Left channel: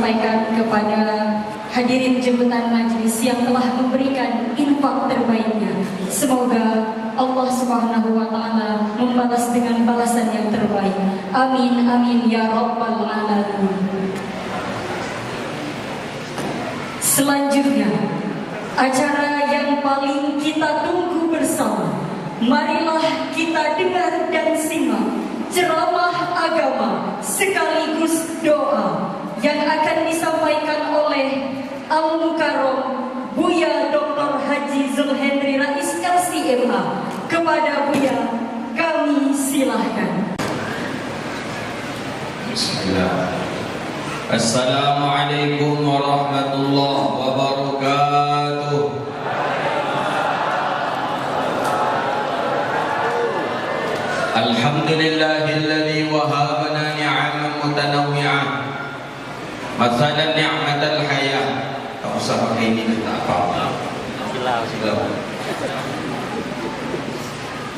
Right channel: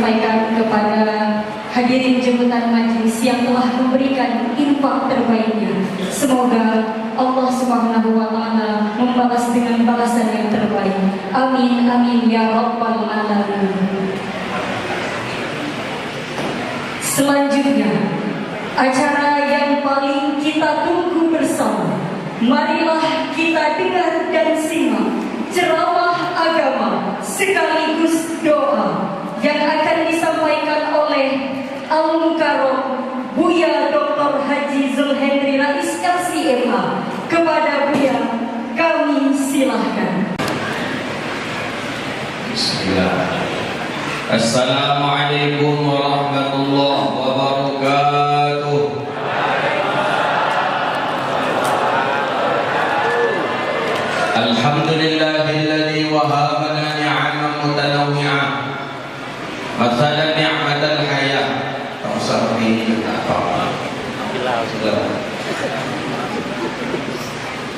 Sampaikan kepada hadirin jemputan majelis yang telah memberikan infak terbaiknya. Semoga Allah Subhanahu wa taala membalas dengan balasan yang terbaik. Amin amin ya rabbal alamin. Selanjutnya, acara yang paling kita tunggu bersama. Marilah kita dengar dan simak ceramah agama sekaligus doa yang akan disampaikan oleh Al-Mukarram Buya Dr. Haji Zulhendri Rais LCMA. Kepada Buya, kami silahkan. Bismillah. Assalamualaikum warahmatullahi wabarakatuh. Alhamdulillahilladzi wahabana ni'aman mutanawwi'ah. Mathalan ni'matal hayah. Tak usah ini apa.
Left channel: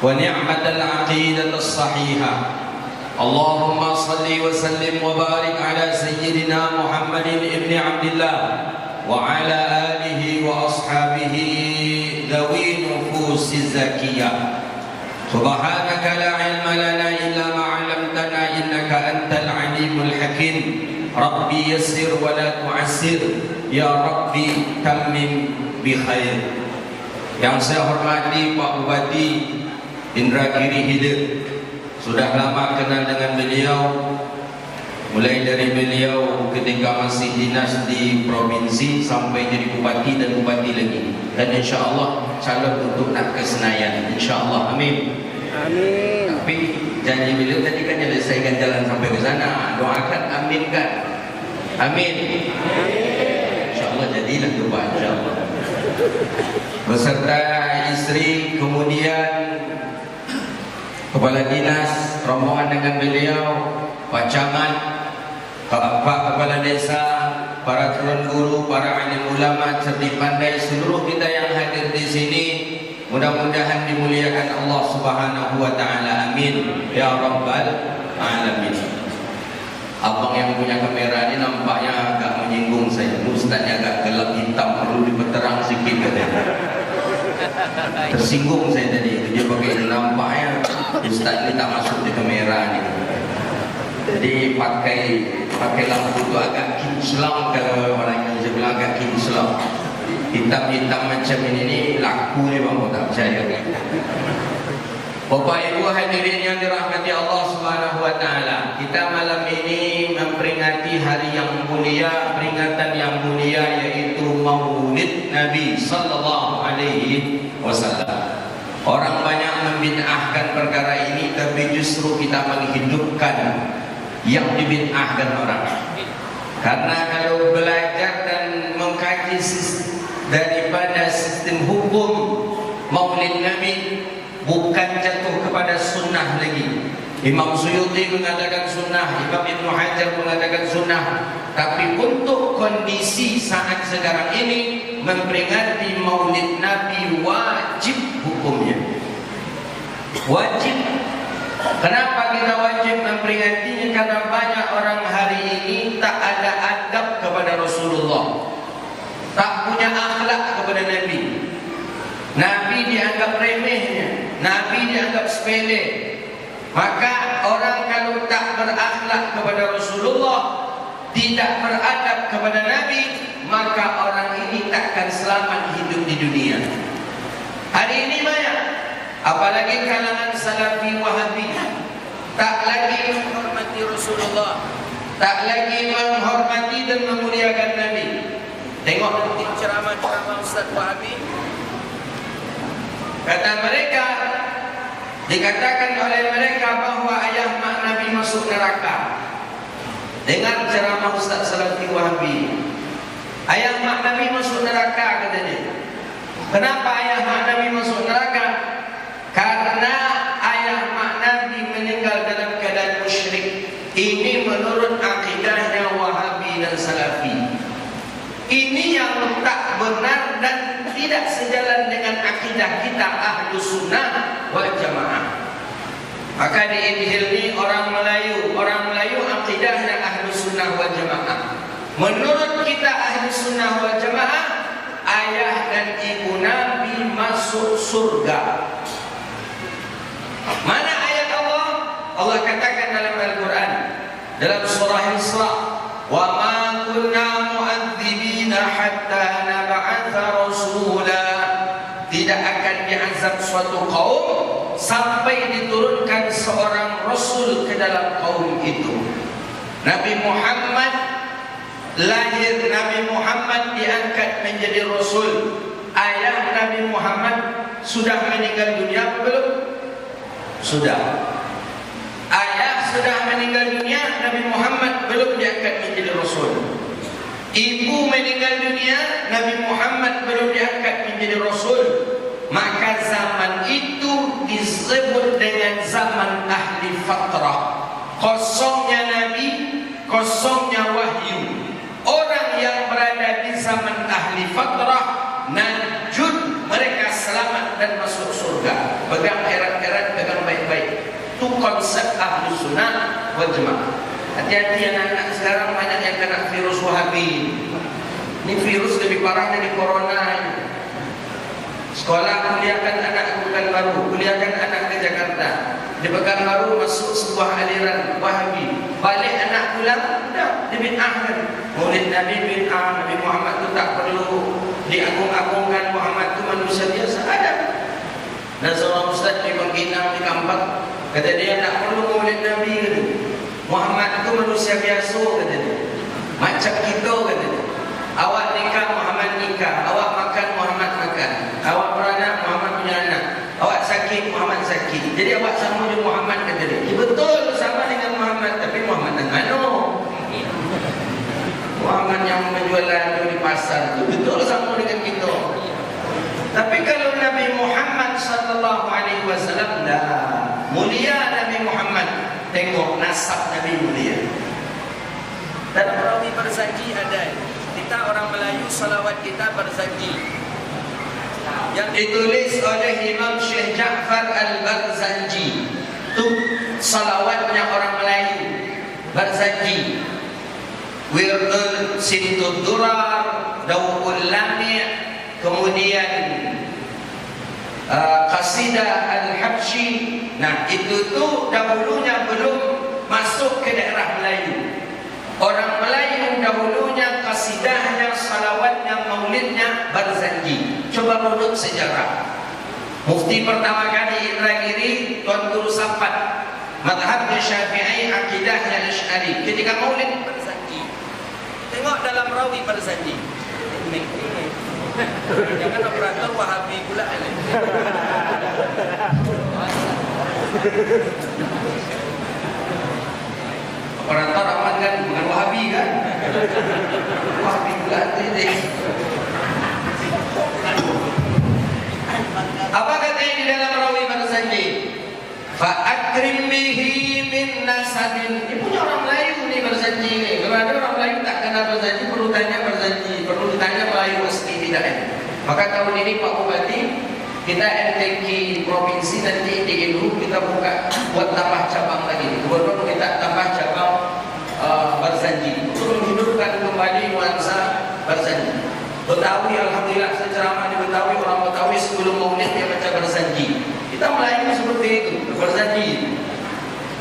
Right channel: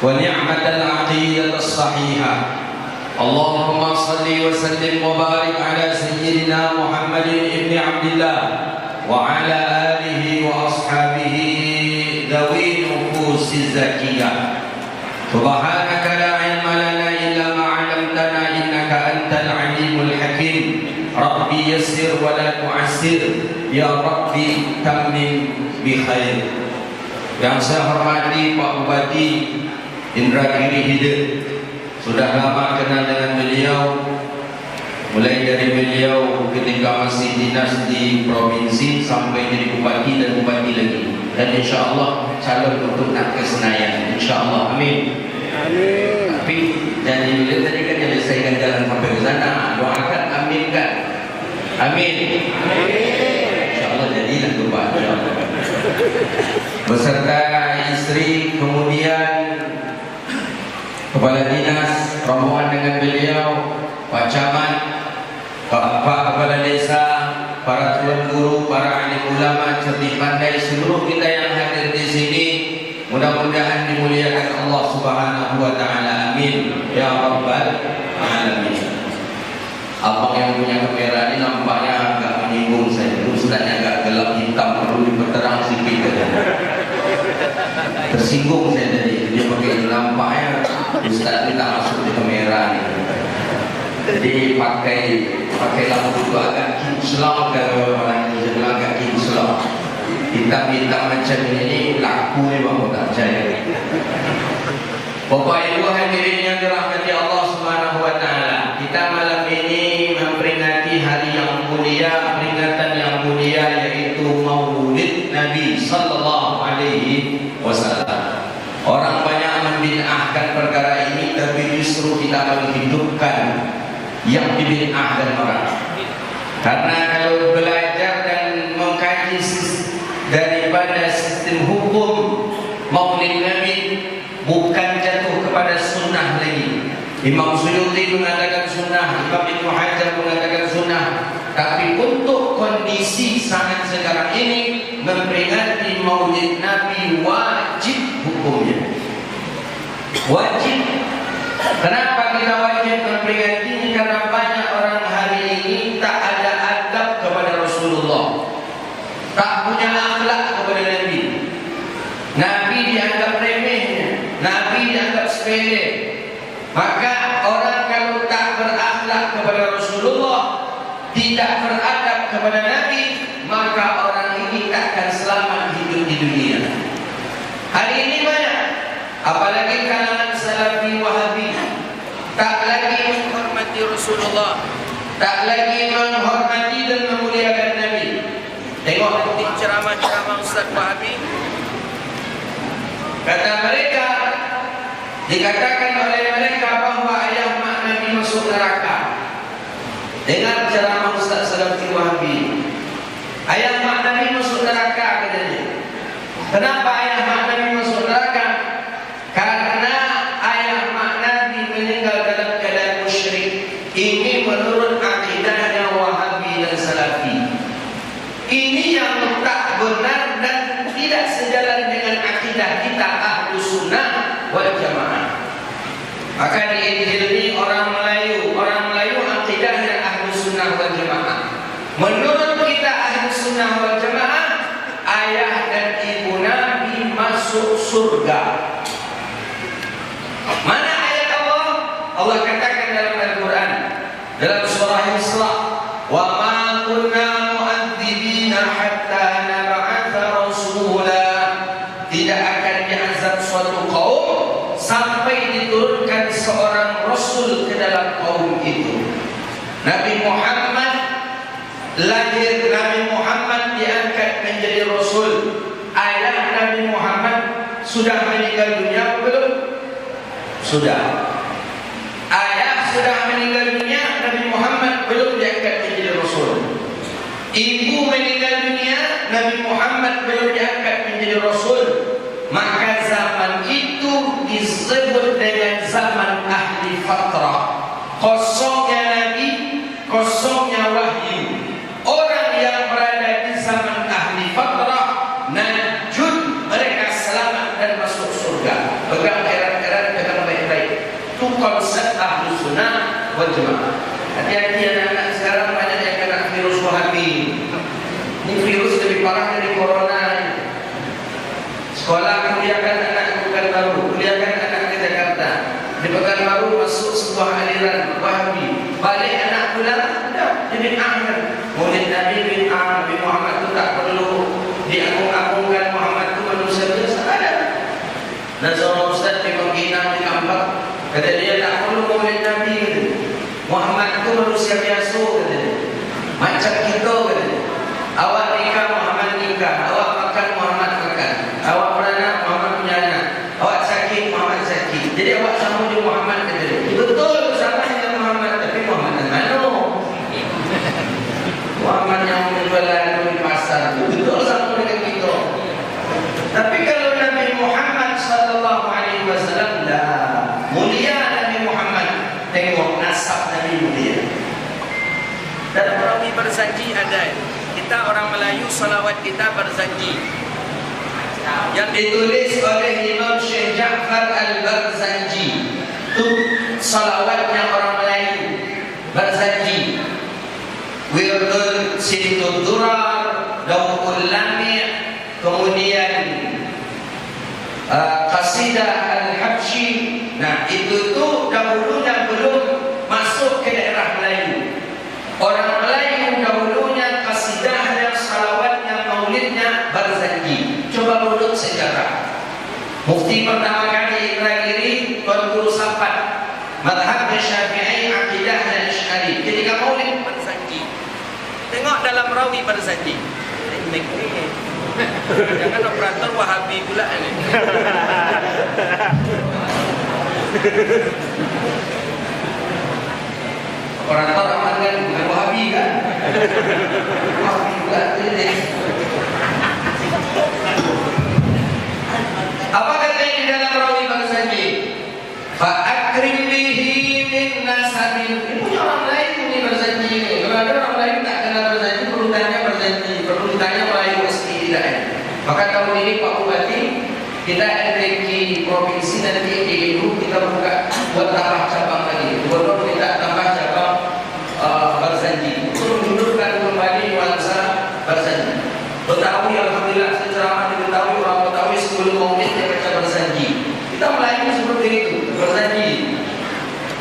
Wa ni'matal aqidatus sahihah. Allahumma salli wa sallim wa barik ala sayyidina Muhammadin ibni Abdillah wa ala alihi wa ashabihi dhawi nufusi zakiyah. Subhanaka la ilma lana illa ma 'allamtana innaka antal alimul hakim. Rabbi yassir wa la tu'assir, ya Rabbi tammim bi khair. Yang saya hormati Pak Bupati Indragiri Hilir, sudah lama kenal dengan beliau, mulai dari beliau ketika masih dinas di provinsi sampai jadi bupati dan bupati lagi, dan insya Allah calon untuk nak ke Senayan, insya Allah, amin. Amin. Tapi janji beliau tadi kan ada saya jalan sampai ke sana, doakan amin kan, amin. Insya Allah jadi dan doa insya Allah. Beserta istri, kemudian Kepala Dinas, rombongan dengan beliau, Pak Camat, Pak Kepala Desa, para tuan guru, para alim ulama, cerdik pandai, seluruh kita yang hadir di sini, mudah-mudahan dimuliakan Allah Subhanahu wa taala. Amin ya rabbal alamin. Abang yang punya kamera ini nampaknya agak menyinggung saya. Ustaznya agak gelap hitam, perlu diperterang sedikit. Tersinggung saya tadi. Dia pakai nampaknya Ustaz kita masuk di kamera nih. Jadi pakai lampu itu agak kinclong kalau orang Indonesia bilang agak kinclong. Hitam-hitam macam ini laku nih bang, tak percaya. Bapak Ibu hadirin yang dirahmati Allah Subhanahu wa taala, kita malam ini memperingati hari yang mulia, peringatan yang mulia, yaitu Maulid Nabi sallallahu alaihi wasallam. Orang banyak membid'ahkan perkara ini, tapi justru kita menghidupkan yang dibid'ahkan orang. Karena kalau belajar dan mengkaji daripada sistem hukum Maulid Nabi, bukan jatuh kepada sunnah lagi. Imam Suyuti mengatakan sunnah, Imam Ibnu Hajar mengatakan sunnah, tapi untuk kondisi saat sekarang ini memperingati Maulid Nabi wajib hukumnya. Wajib. Kenapa kita wajib memperingati? Karena banyak orang hari ini tak ada adab kepada Rasulullah, tak punya akhlak kepada Nabi. Nabi dianggap remeh, Nabi dianggap sepele. Maka orang kalau tak berakhlak kepada Rasulullah, tidak beradab kepada Nabi, maka orang ini takkan selamat hidup di dunia. Hari ini banyak, apalagi kalangan Salafi Wahabi, tak lagi menghormati Rasulullah, tak lagi menghormati dan memuliakan Nabi. Tengok nanti ceramah-ceramah Ustaz Wahabi, kata mereka, dikatakan oleh mereka bahawa ayah mak Nabi masuk neraka. Dengar ceramah Ustaz Salafi Wahabi, ayah mak Nabi masuk neraka katanya. Kenapa ayah mak Nabi masuk neraka? Karena ayah mak Nabi meninggal dalam keadaan musyrik. Ini menurut akidahnya Wahabi dan Salafi. Ini yang tak benar dan tidak sejalan dengan akidah kita Ahlus Sunnah wal Jamaah. Maka di Injil ini orang Melayu akidahnya Ahlus Sunnah wal Jamaah Menurut kita ahli sunnah wal jamaah, ayah dan ibu Nabi masuk surga. Mana ayat Allah? Allah katakan dalam Al-Quran, dalam surah Isra, wa ma kunna mu'adzibina hatta nab'atha rasula. Tidak akan diazab suatu kaum sampai diturunkan seorang rasul ke dalam kaum itu. Nabi Muhammad lahir, Nabi Muhammad diangkat menjadi rasul. Ayah Nabi Muhammad sudah meninggal dunia belum? Sudah. Ayah sudah meninggal dunia, Nabi Muhammad belum diangkat menjadi rasul. Ibu meninggal dunia, Nabi Muhammad belum diangkat menjadi rasul. Maka zaman itu disebut dengan zaman ahli fatrah. Kosongnya Nabi, kosongnya wahyu. Orang yang berada di zaman ahli fatrah, najud, mereka selamat dan masuk surga. Pegang erat-erat, pegang baik-baik. Itu konsep ahli sunnah wal jamaah. Hati-hati anak-anak sekarang banyak yang kena virus wahabi. Ini virus lebih parah dari corona. Sekolah kuliahkan anak ke Pekanbaru, kuliahkan anak ke Jakarta. Di Pekanbaru masuk sebuah aliran wahabi. Balik anak pulang, jadi akhir. Murid Nabi bin Nabi Muhammad itu tak perlu diagung-agungkan. Muhammad itu manusia biasa ada. Dan seorang ustaz di Madinah di Kampar, kata dia tak perlu murid Nabi itu. Muhammad itu manusia biasa, kata dia. Macam kita, kata dia. Awak nikah, Muhammad nikah. Awak makan, Muhammad makan. Awak beranak, Muhammad punya anak. Awak sakit, Muhammad sakit. Jadi awak sama dengan Muhammad, kata dia. Betul, sama dengan Muhammad. Tapi Muhammad yang mana? Muhammad yang menjual di pasar itu betul sama dengan kita. Tapi kalau Nabi Muhammad sallallahu alaihi wasallam, dah mulia Nabi Muhammad. Tengok nasab Nabi mulia. Dalam rawi berjanji ada. Kita orang Melayu salawat kita berjanji. Yang ditulis oleh Imam Syekh Ja'far Al-Barzanji. Itu salawatnya orang Melayu. Barzanji. Wirdul Sintud Durar, Daukul Lamia, kemudian Qasidah Al-Habsyi. Nah, itu dahulunya belum masuk ke daerah Melayu. Orang Melayu dahulunya qasidahnya, salawatnya, maulidnya Barzanji. Coba urut sejarah. Mufti pertama kali Ibrahim Tuan Guru Sampat, madhab Syafi'i, akidahnya Asy'ari. Ketika maulid Barzanji. Tengok dalam rawi Barzanji. Jangan operator Wahabi pula ini. Operator apa kan? Bukan Wahabi kan? Wahabi pula ini. Apa katanya di dalam rawi Barzanji? Fa'akrim bihi min nasabin. Ini punya orang lain ini Barzanji ini. Kalau ada orang lain tak kenal Barzanji, perlu tanya Barzanji, perlu ditanya Melayu meski tidak. Maka tahun ini Pak Bupati, kita NTQ provinsi nanti di kita buka buat tambah cabang lagi. Gubernur kita tambah cabang Barzanji untuk menghidupkan kembali nuansa Barzanji. Betawi, alhamdulillah secara di Betawi, orang Betawi sebelum maulid dia baca Barzanji. Kita Melayu seperti itu, Barzanji.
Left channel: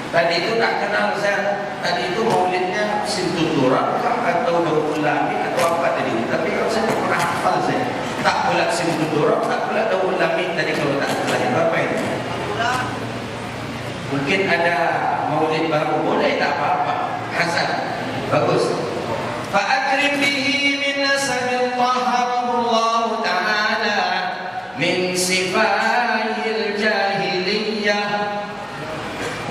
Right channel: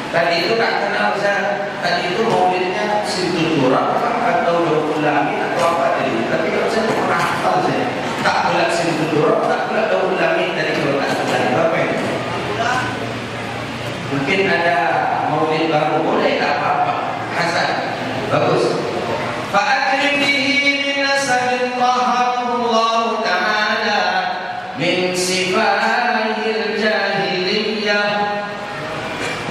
Tadi itu tak kenal saya. Tadi itu maulidnya Sintud Durar atau Daukul Lamia atau apa tadi. Tapi kalau saya tak pernah hafal saya. Tak pula Sintud Durar, tak pula Daukul Lamia dari kalau tak salah. Mungkin ada maulid baru, boleh tak apa-apa. Hasan, bagus. Fa'akrim bihi min nasabin taharullahu ta'ala min sifaihil jahiliyah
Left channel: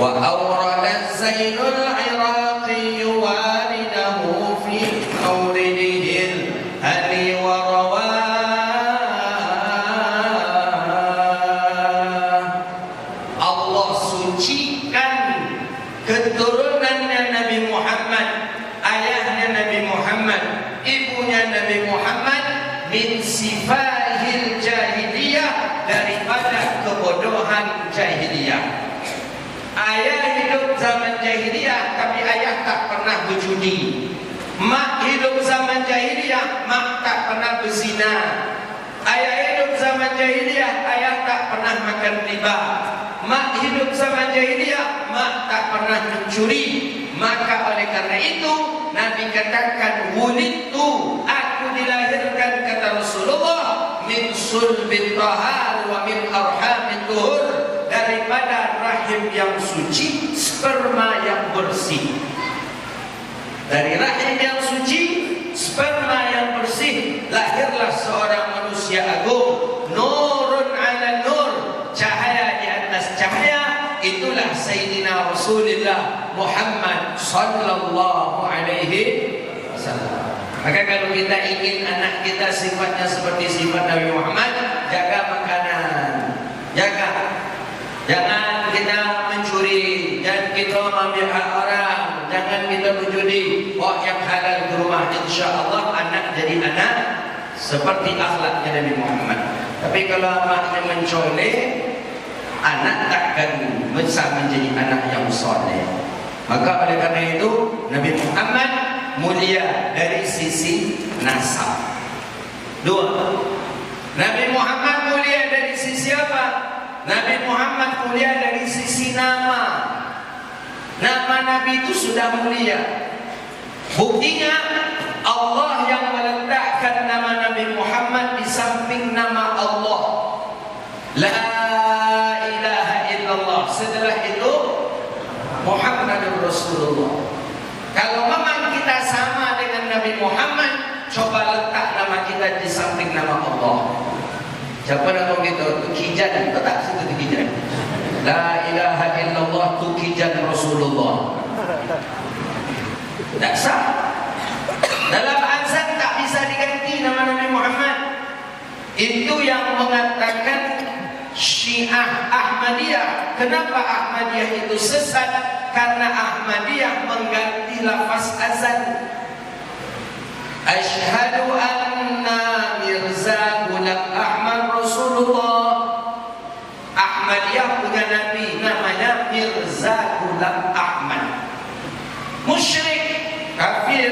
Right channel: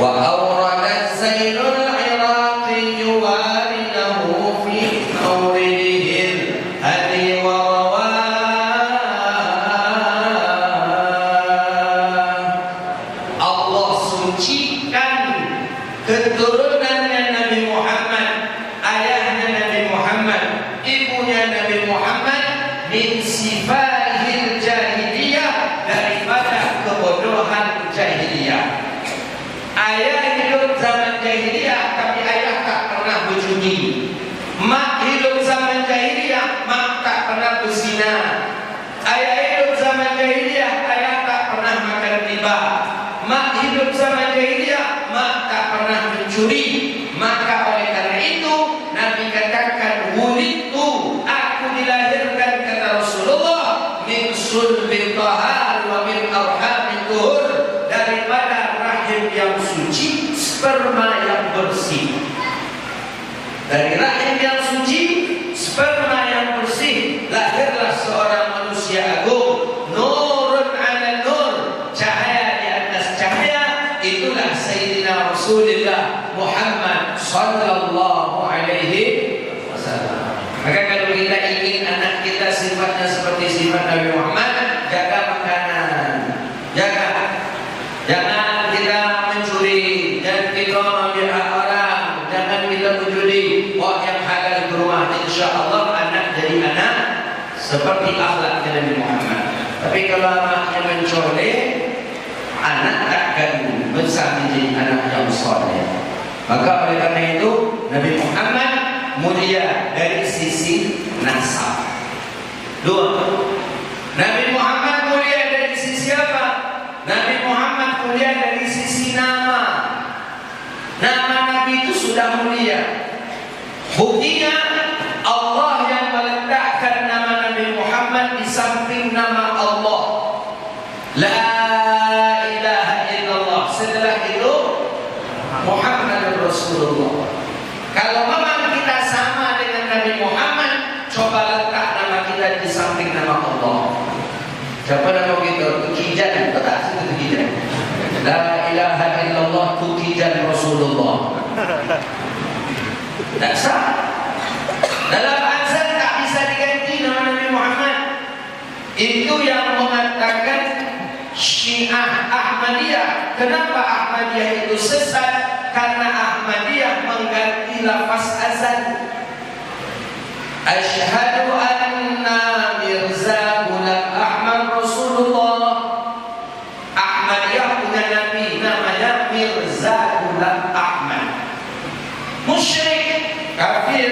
wa awradat zainul iraqi yuwaridahu fi mawridihil hadi wa rawah. Allah sucikan keturunannya Nabi Muhammad, ayah mencuri. Maka oleh karena itu Nabi katakan, wulidtu, aku dilahirkan, kata Rasulullah, min sulbi tahar wa min arhamin tuhur, daripada rahim yang suci, sperma yang bersih. Dari rahim yang suci, sperma yang bersih, lahirlah seorang manusia agung, nurun ala nur, cahaya di atas cahaya. Itulah Sayyidina Rasulullah Muhammad sallallahu alaihi wasallam. Maka kalau kita ingin anak kita sifatnya seperti sifat Nabi Muhammad, jaga makanan, jangan kita mencuri, jangan kita mengambil hak orang, jangan kita mencuri uang yang halal ke rumah. Insya Allah anak jadi anak seperti akhlaknya Nabi Muhammad. Tapi kalau anaknya mencolek, anak takkan besar menjadi anak yang soleh. Maka oleh karena itu Nabi Muhammad mulia dari sisi nasab. Dua, Nabi Muhammad mulia dari sisi apa? Nabi Muhammad mulia dari sisi nama. Nama Nabi itu sudah mulia. Buktinya Allah yang meletakkan nama Nabi Muhammad di samping nama Allah. La ilaha illallah. Setelah itu Muhammad Rasulullah. Kalau memang kita sama dengan Nabi Muhammad, coba letak nama kita di samping nama Allah. Siapa nama kita? Tukijan, tak sebut Tukijan. La ilaha illallah Tukijan Rasulullah. Tak sah. Dalam azan tak bisa diganti nama Nabi Muhammad. Itu yang mengatakan Syiah Ahmadiyah. Kenapa Ahmadiyah itu sesat? Karena Ahmadiyah mengganti lafaz azan. Asyhadu anna Mirza Ghulam Ahmad Rasulullah. Ahmadiyah punya nabi namanya Mirza Ghulam Ahmad. Musyrik, kafir,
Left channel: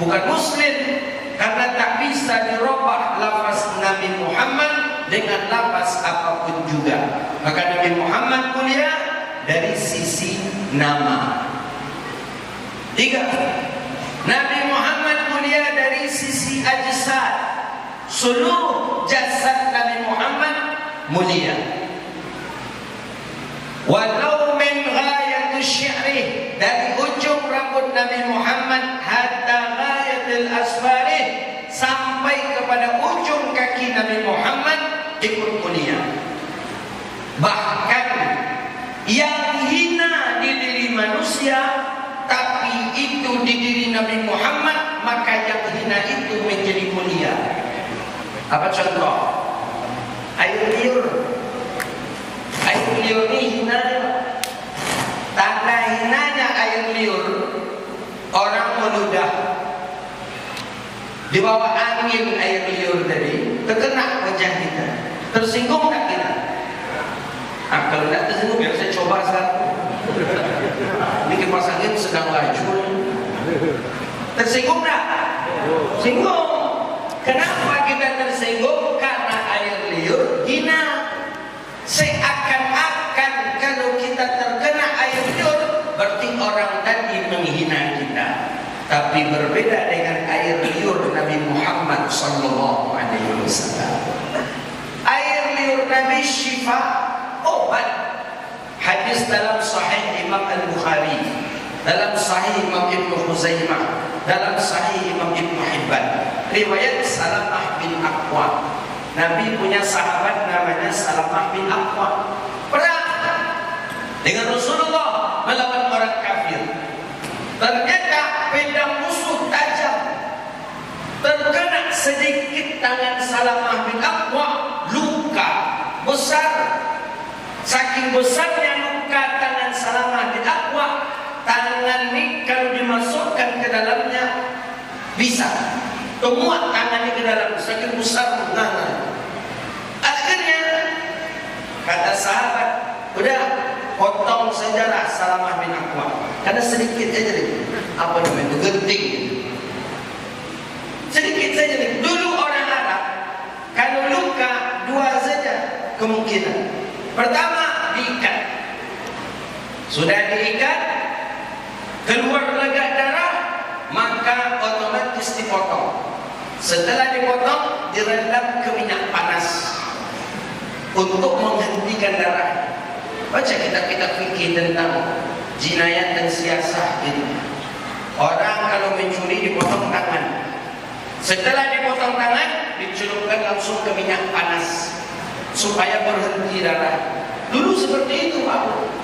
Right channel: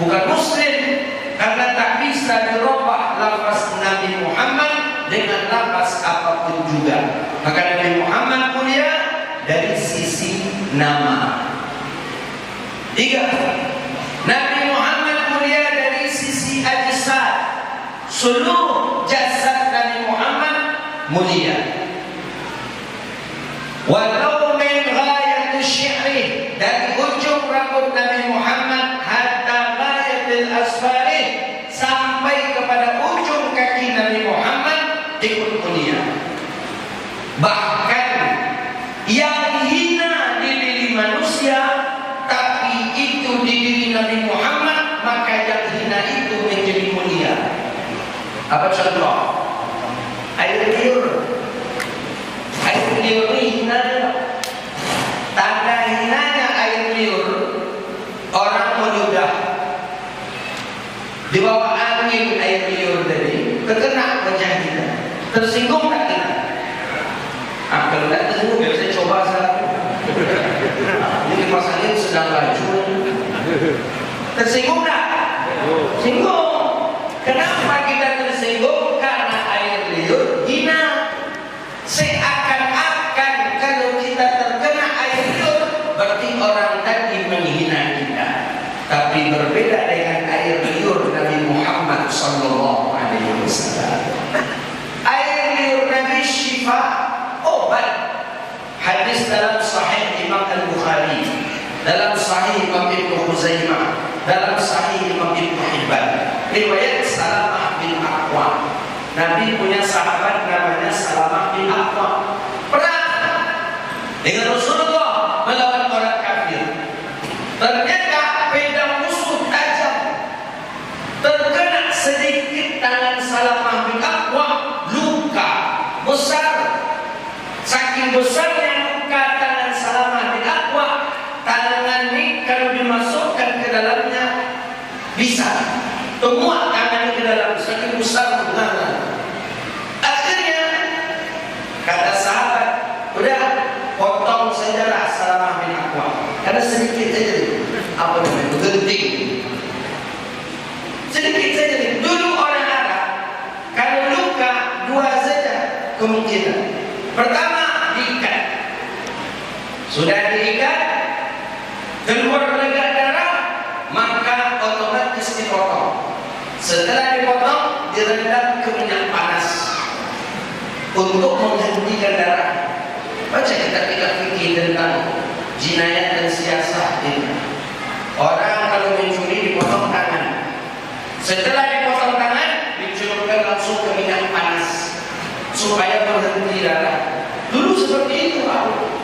bukan muslim, karena tak bisa dirubah lafaz Nabi Muhammad dengan lafaz apapun juga. Maka Nabi Muhammad mulia dari sisi nama. Tiga, Nabi Muhammad mulia dari sisi ajsad. Seluruh jasad Nabi Muhammad mulia. Walau min ghayati syi'ri, dari ujung rambut Nabi Muhammad hatta ghayatil asfari, sampai kepada ujung kaki Nabi Muhammad ikut mulia. Bahkan yang hina di diri manusia, tapi itu di diri Nabi Muhammad, maka yang hina itu menjadi mulia. Apa contoh? Air liur. Air liur ini hina. Tanda hinanya air liur, orang meludah di bawah angin air liur tadi, terkena wajah kita, tersinggung tak kita? Kalau tidak tersinggung, ya saya coba satu. Ini pas angin sedang laju, tersinggung tak? Singgung. Kenapa kita tersinggung? Karena air liur hina. Seakan-akan kalau kita terkena air liur, berarti orang tadi menghina kita. Tapi berbeda dengan air liur Nabi Muhammad sallallahu alaihi wasallam. Air liur Nabi syifa, obat. Hadis dalam Sahih Imam Al-Bukhari, dalam Sahih Imam Ibnu Khuzaimah, dalam Sahih Imam Ibnu Hibban, riwayat Salamah bin Aqwa. Nabi punya sahabat namanya Salamah bin Aqwa. Perang dengan Rasulullah melawan orang kafir. Ternyata pedang musuh tajam, terkena sedikit tangan Salamah bin Aqwa, luka besar. Saking besarnya luka tangan Salamah bin Aqwa, tangan ini kalau dimasukkan ke dalamnya bisa temuak tangan ke dalam, saking besar tangan. Akhirnya kata sahabat, udah potong sajalah Salamah bin Aqwa, karena sedikit saja. Apa namanya? Genting. Sedikit saja. Dulu orang Arab kalau luka dua saja kemungkinan. Pertama, diikat. Sudah diikat, keluar lega darah, maka otomatis dipotong. Setelah dipotong, direndam ke minyak panas untuk menghentikan darah. Baca kita fikih tentang jinayat dan siasah ini. Orang kalau mencuri dipotong tangan. Setelah dipotong tangan, dicelupkan langsung ke minyak panas supaya berhenti darah. Dulu seperti itu, Pak.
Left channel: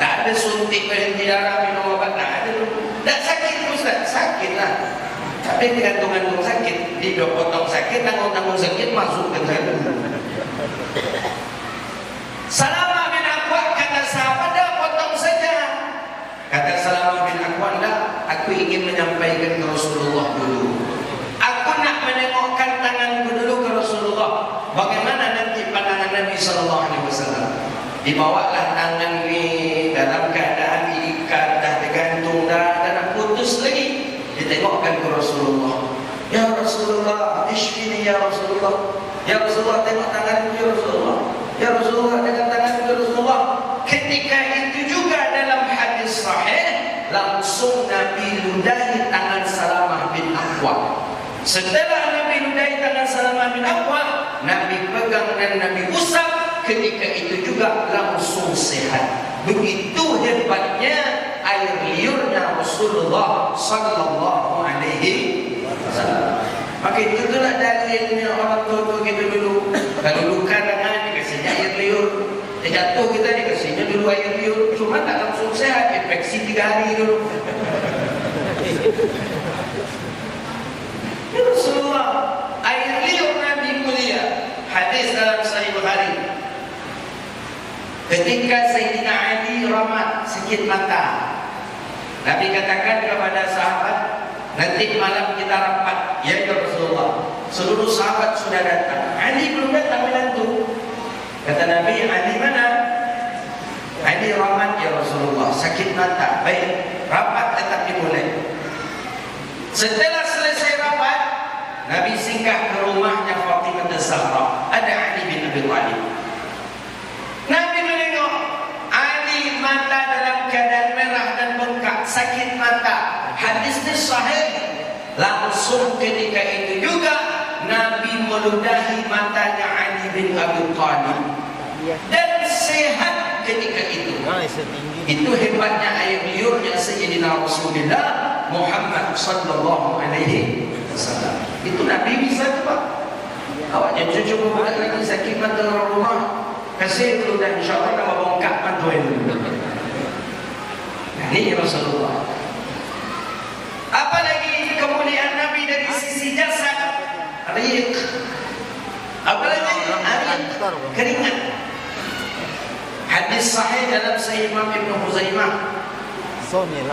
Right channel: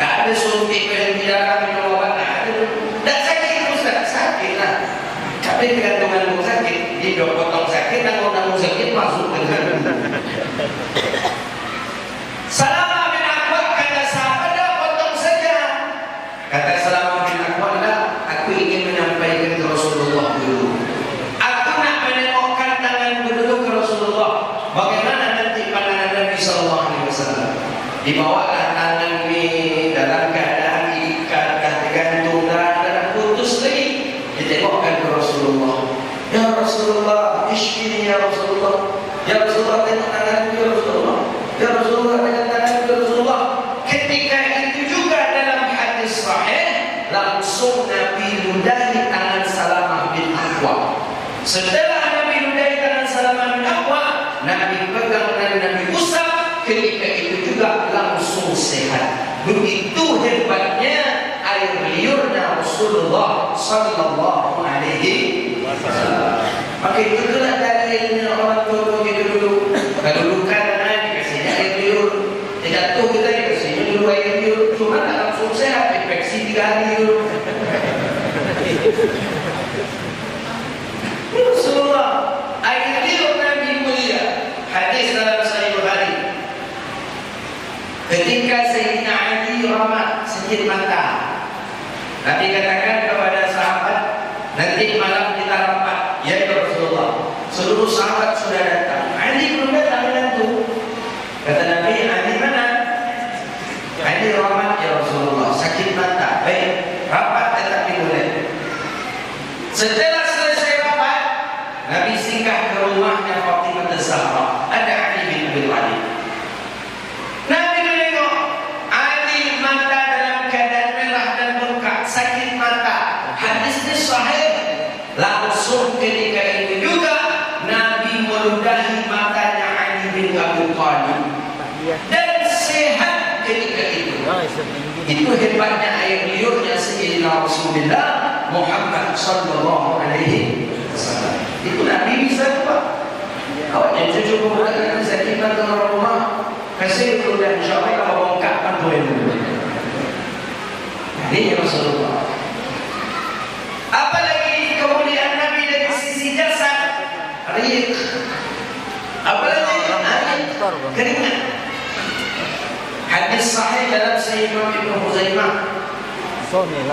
Tak ada suntik berhenti darah, minum obat, tak ada. Tak sakit, Ustaz, sakit lah. Tapi gantungan sakit, dipotong sakit, tanggung sakit masuk ke sana. Salamah bin Akwad kata sahabat, dah potong saja. Kata Salamah bin Akwad, dah, aku ingin menyampaikan ke Rasulullah dulu. Aku nak menengokkan tangan dulu ke Rasulullah. Bagaimana nanti pandangan Nabi Sallallahu Alaihi Wasallam? Dibawalah tangan ini dalam keadaan diikat, dah tergantung, dah putus lagi. Ditengokkan ke Rasulullah. Ya Rasulullah, ishfini ya Rasulullah. Ya Rasulullah, tengok tangan ya Rasulullah. Ya Rasulullah, tengok tangan ya Rasulullah. Ketika itu juga dalam hadis sahih, langsung Nabi ludahi tangan Salamah bin Akwad. Setelah Nabi ludahi tangan Salamah bin Akwad, Nabi pegang dan Nabi usap. Ketika itu juga langsung sehat. Begitu hebatnya air liurnya Rasulullah Sallallahu Alaihi Wasallam. Maka itulah dari orang tua kita dulu. Kalau luka tangan dikasih air liur, jatuh kita dikasih minum air liur. Cuma tak langsung sehat, infeksi 3 hari dulu. Rasulullah, air liur Nabi mulia. Hadis dalam Sahih Bukhari. Ketika Sayyidina Ali ramat sedikit mata, Nabi katakan kepada sahabat, nanti malam kita rapat. Ya Rasulullah, seluruh sahabat sudah datang. Ali belum datang menantu. Kata Nabi, Ali mana? Ali ramat ya Rasulullah, sakit mata. Baik, rapat tetap dimulai. Setelah selesai rapat, Nabi singgah ke rumahnya Fatimah Az-Zahra. Ada Ali bin Abi Thalib. Nabi menengok Ali mata dalam keadaan merah dan bengkak, sakit mata. Hadis ini sahih. Langsung ketika itu juga Nabi meludahi matanya Ali bin Abi Thalib dan sehat ketika itu. Itu hebatnya air liurnya Sayyidina Rasulullah Muhammad Sallallahu Alaihi Wasallam. Itu Nabi bisa tu, Pak. Awak yang cucu pemuda Nabi sakit mata dalam rumah, kasih itu dan insyaAllah kalau bongkakkan boleh dulu. Ini Rasulullah. Apalagi kemuliaan Nabi dari sisi jasad, riq. Apalagi air keringat. Hadis sahih dalam Sahih Imam Ibnu Khuzaimah.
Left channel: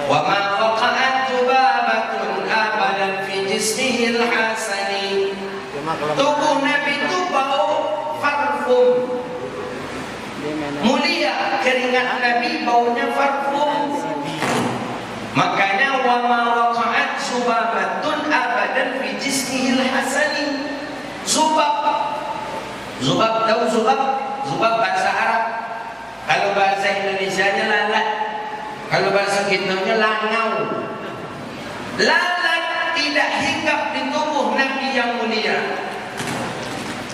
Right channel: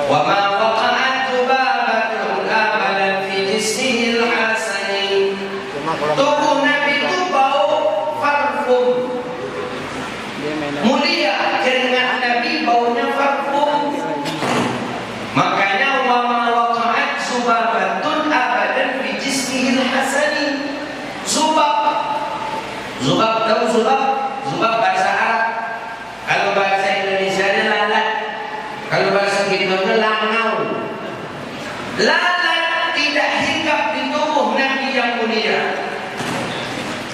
Wa ma waqa'at dhubabatun abadan fi jismihi al-hasani. Tubuh Nabi itu bau parfum. Mulia keringat Nabi baunya parfum. Makanya wa ma waqa'at dhubabatun abadan fi jismihi al-hasani. Zubab tahu zubab? Zubab bahasa Arab. Kalau bahasa Indonesia nya lalat. Kalau bahasa Indonesia langau. Lalat tidak hinggap di tubuh Nabi yang mulia.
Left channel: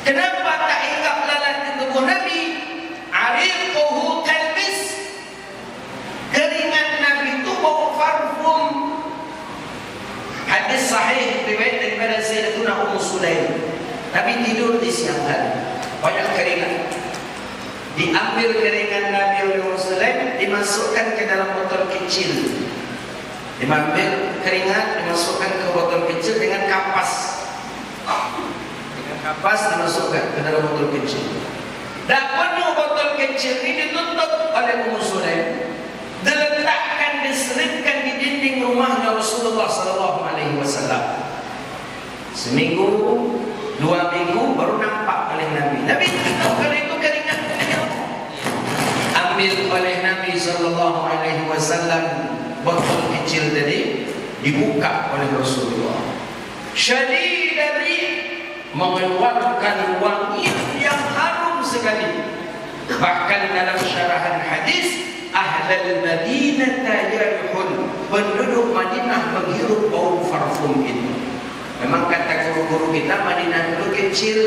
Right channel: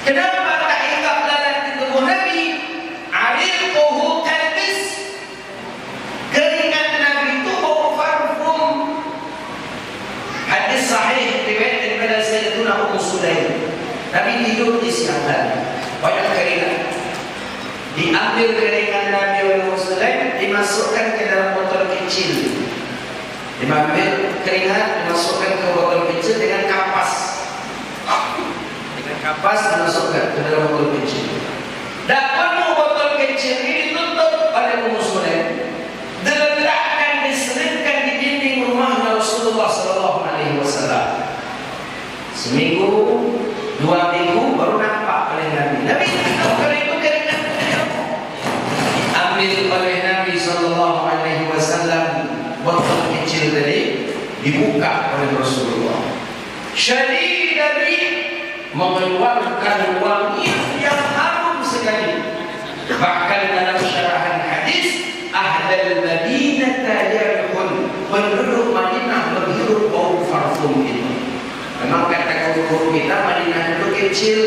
Kenapa tak hinggap lalat di tubuh Nabi? Ariquhu kalbis. Keringat Nabi itu bau parfum. Hadis sahih riwayat daripada Sayyidatuna Ummu Sulaim. Nabi tidur di siang hari, banyak keringat. Diambil keringat Nabi oleh Rasulullah, dimasukkan ke dalam botol kecil. Diambil keringat, dimasukkan ke botol kecil dengan kapas. Dengan kapas dimasukkan ke dalam botol kecil. Dan penuh botol kecil ini ditutup oleh Rasulullah. Diletakkan, diselipkan di dinding rumah Rasulullah Sallallahu Alaihi Wasallam. Seminggu, 2 minggu baru nampak oleh Nabi. Nabi tak tahu kalau itu keringat. Ambil oleh Nabi Sallallahu Alaihi Wasallam botol kecil tadi, dibuka oleh Rasulullah. Syarif Nabi mengeluarkan wangi yang harum sekali. Bahkan dalam syarahan hadis, Ahlul Madinah yarihun, penduduk parfum itu. Memang kata guru kita Madinah itu kecil.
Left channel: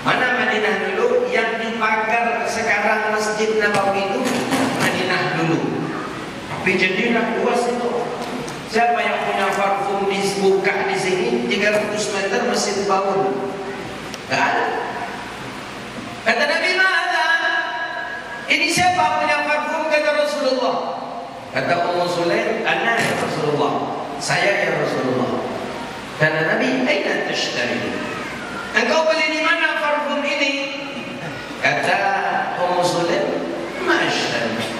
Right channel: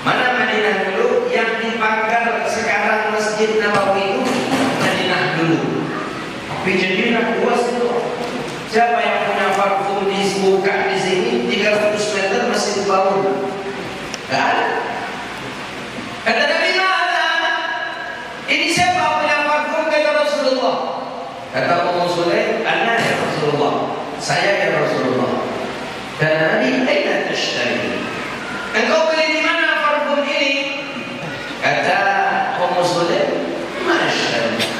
Mana Madinah dulu yang dipagar sekarang Masjid Nabawi itu Madinah dulu. Tapi jadilah luas itu. Siapa yang punya parfum dibuka di sini 300 meter masih bau. Tidak ada. Kata Nabi mana? Ini siapa punya parfum kata Rasulullah? Kata Ummu Sulaim, ana ya Rasulullah. Saya ya Rasulullah. Kata Nabi, aina tashtari? Engkau beli di mana parfum ini? Kata Ummu Sulaim, masya Allah.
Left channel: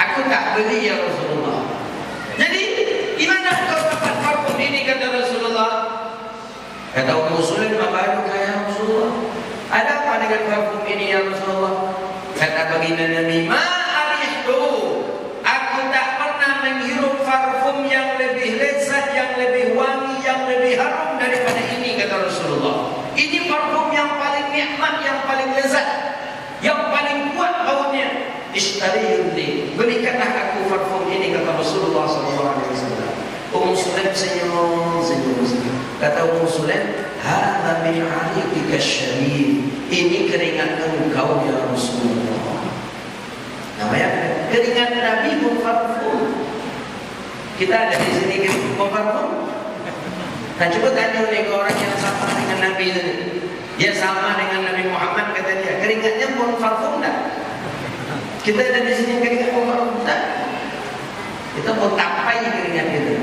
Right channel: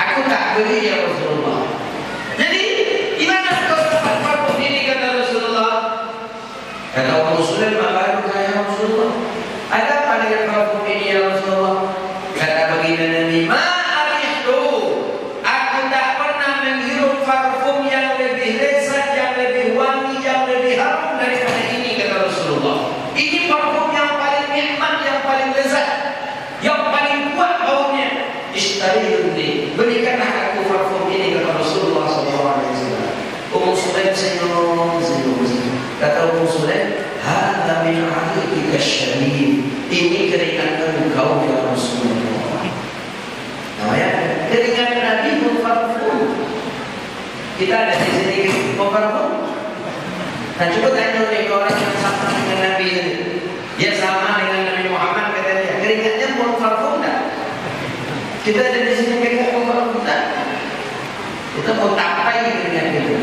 Aku tak beli ya Rasulullah. Jadi, di mana kau dapat parfum ini kata Rasulullah? Kata Ummu Sulaim, apa itu ya Rasulullah? Ada apa dengan parfum ini ya Rasulullah? Kata baginda Nabi, ma'ariftu. Aku tak pernah menghirup parfum yang lebih lezat, yang lebih wangi, yang lebih harum daripada ini kata Rasulullah. Ini parfum yang paling nikmat, yang paling lezat, yang paling kuat baunya. Ishtariuni, berikanlah aku parfum ini kata Rasulullah SAW. Ummu Sulaim senyum. Kata Ummu Sulaim, hadza min 'alikika syarif. Ini keringat engkau ya Rasulullah. Namanya keringat Nabi parfum. Kita ada di sini parfum. Nah coba tanya oleh orang yang sama dengan Nabi ini. Dia sama dengan Nabi Muhammad kata dia. Keringatnya parfum tak? Kita ada di sini pegang parfum tak? Kita mau tapai keringat itu.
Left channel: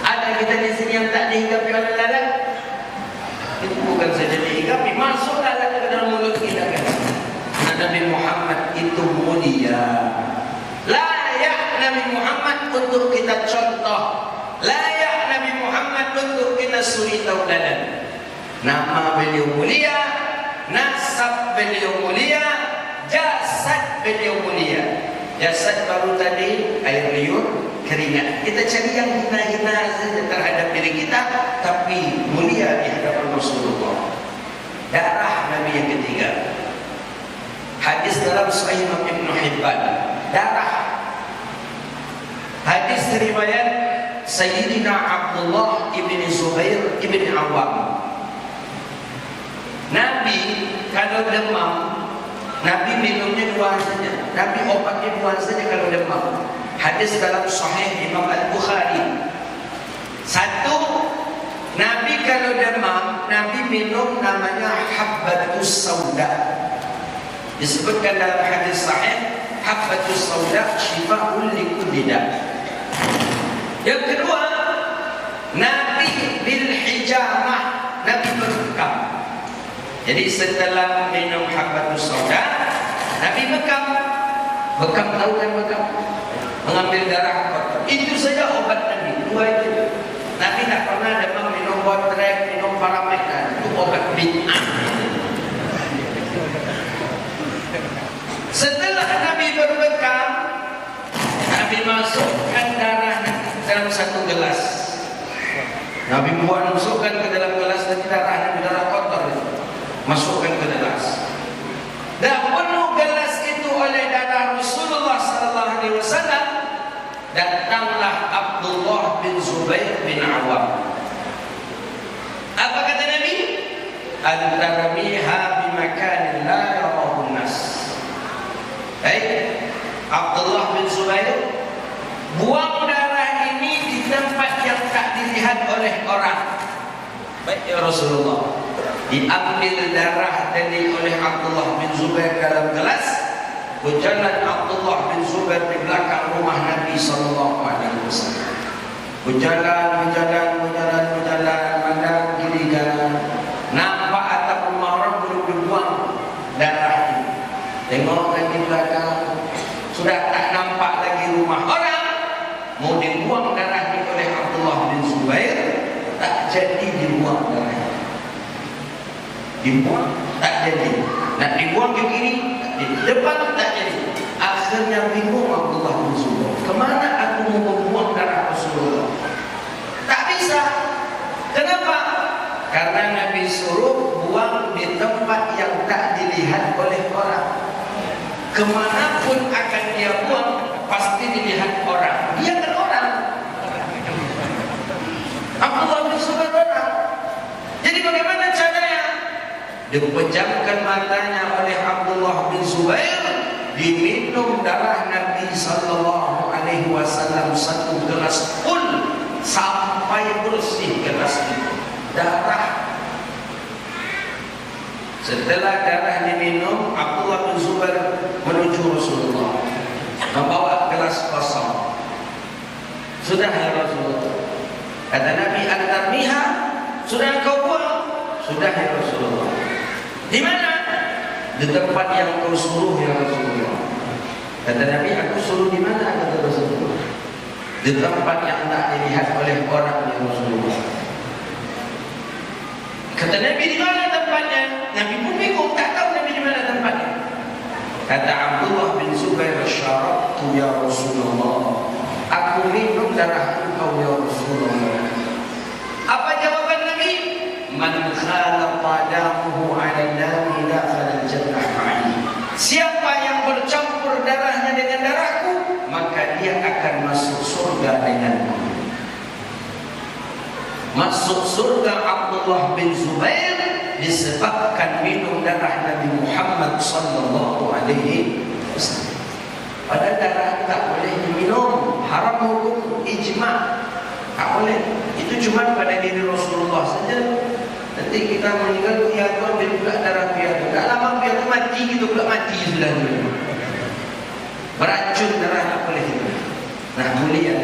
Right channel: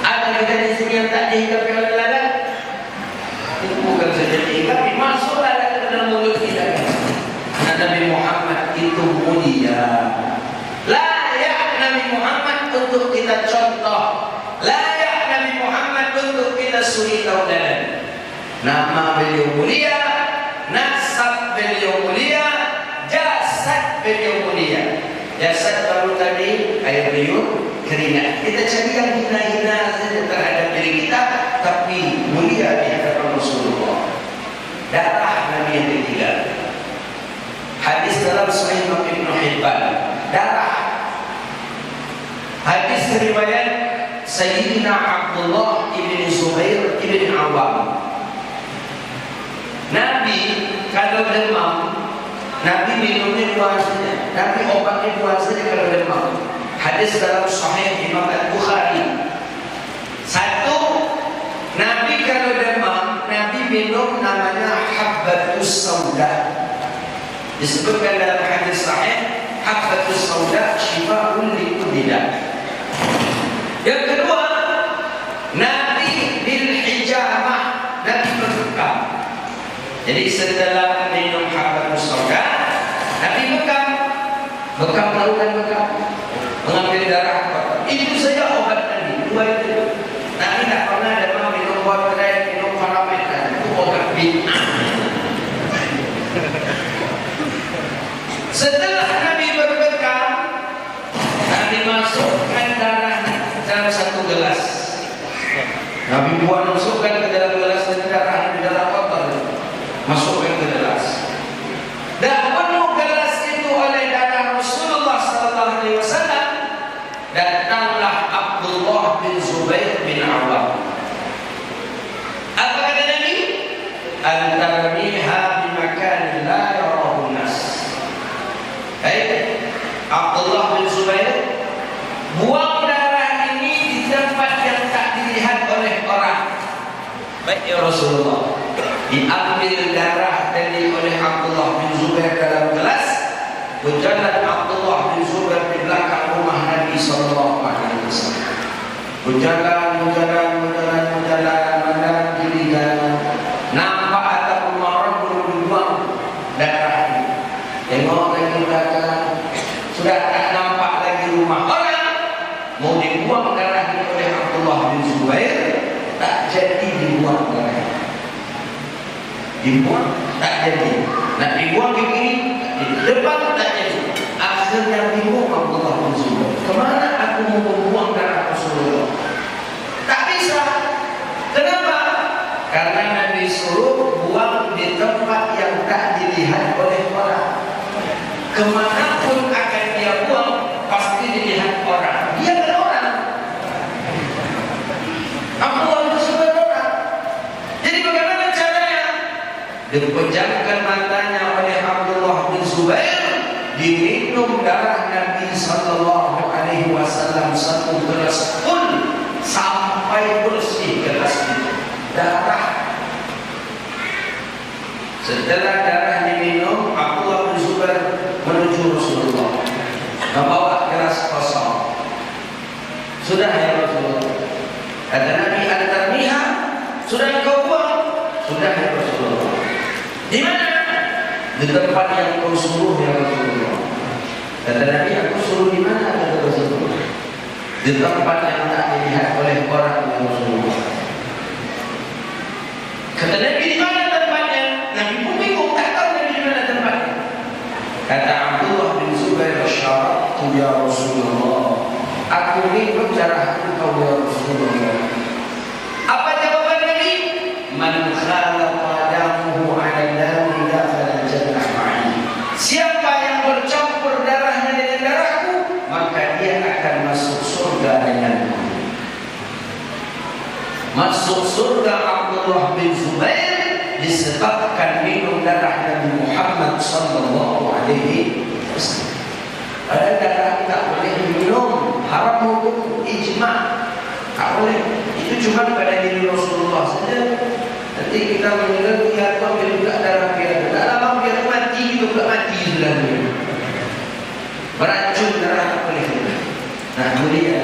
Ada kita di sini yang tak dihidupi oleh lalat. Itu bukan saja dihidupi, masuklah ke dalam mulut kita. Nabi Muhammad itu mulia. Layak Nabi Muhammad untuk kita contoh. Layak Nabi Muhammad untuk kita suri tauladan. Nama beliau mulia, nasab beliau mulia, jasad beliau mulia. Jasad baru tadi air liur, keringat. Kita cari yang hina-hina saja terhadap diri kita, tapi mulia di hadapan Rasulullah. Darah Nabi yang ketiga. Hadis dalam Sahih Ibnu Hibban. Darah. Hadis riwayat Sayyidina Abdullah ibn Zubair ibn Awam. Nabi kalau demam, Nabi minumnya dua saja. Nabi obatnya dua saja kalau demam. Hadis dalam Sahih Imam Al-Bukhari. Satu, Nabi kalau demam, Nabi minum namanya habbatus sauda. Disebutkan dalam hadis sahih, habbatus sauda shifaa'un likulli da'. Yang kedua, Nabi bil hijamah, Nabi berbekam. Jadi setelah minum habbatus sauda, Nabi bekam. Bekam tahu kan bekam? Mengambil darah. Itu saja obat Nabi. Dua itu. Nabi tak pernah demam minum waterai, minum parameter. Itu obat bid'ah. Setelah Nabi berbekam, Nabi masukkan darah dalam satu gelas. Nabi buat masukkan ke dalam gelas dan darah yang di dalam kotor, masukkan ke gelas. Dan penuh gelas itu oleh darah Rasulullah SAW. Datanglah Abdullah bin Zubair bin Awam. Apa kata Nabi? Antarmiha bimakan la yarahu nas. Abdullah bin Zubair, buang darah ini di tempat yang tak dilihat oleh orang. Baik ya Rasulullah. Diambil darah dari oleh Abdullah bin Zubair dalam gelas. Berjalan Abdullah bin Zubair di belakang rumah Nabi sallallahu alaihi wasallam. Berjalan dirinya. Nampak atap rumah orang berbuang darah ini. Tengok dari belakang, sudah tak nampak lagi rumah orang. Mau dibuang darah ini oleh Abdullah bin Zubair, tak jadi dibuang darah. Dibuang tak jadi. Nak dibuang begini, di depan tak jadi. Akhirnya bingung Abdullah bin Zubair. Kemana aku mau membuang darah Rasulullah? Tak bisa. Kenapa? Karena Nabi suruh buang di tempat yang tak dilihat oleh orang. Kemanapun akan dia buang, pasti dilihat orang. Dia kan orang. dipejamkan matanya oleh Abdullah bin Zubair, diminum darah Nabi sallallahu alaihi wasallam satu gelas pun sampai bersih gelas itu. Darah. Setelah darah diminum, Abdullah bin Zubair menuju Rasulullah, membawa gelas kosong. Sudah ya Rasulullah. Kata Nabi, "Al-Tarmiha, sudah kau buang?" Sudah ya Rasulullah. Di mana? Di tempat yang kau suruh ya Rasulullah. Kata Nabi, "Aku suruh di mana?" Kata Rasulullah. Di tempat yang tak dilihat oleh orang ya Rasulullah. Kata Nabi, "Di mana tempatnya?" Nabi pun bingung, tak tahu Nabi di mana tempatnya. Kata Abdullah bin Zubair, "Syarabtu ya Rasulullah, aku minum darah engkau ya Rasulullah." Apa jawaban Nabi? "Man khalaqa damuhu 'ala la fala jannah ma'i." Siapa yang bercampur darahnya dengan darahku, maka dia akan masuk surga denganku. Masuk surga Abdullah bin Zubair disebabkan minum darah Nabi Muhammad sallallahu alaihi wasallam. Ada darah tak boleh minum, haram hukum ijma. Tak boleh. Itu cuma pada diri Rasulullah saja. Nanti kita meninggal biar kau juga darah biar. Tak lama biar mati juga mati sudah minum. Beracun darah tak boleh. Nah, mulia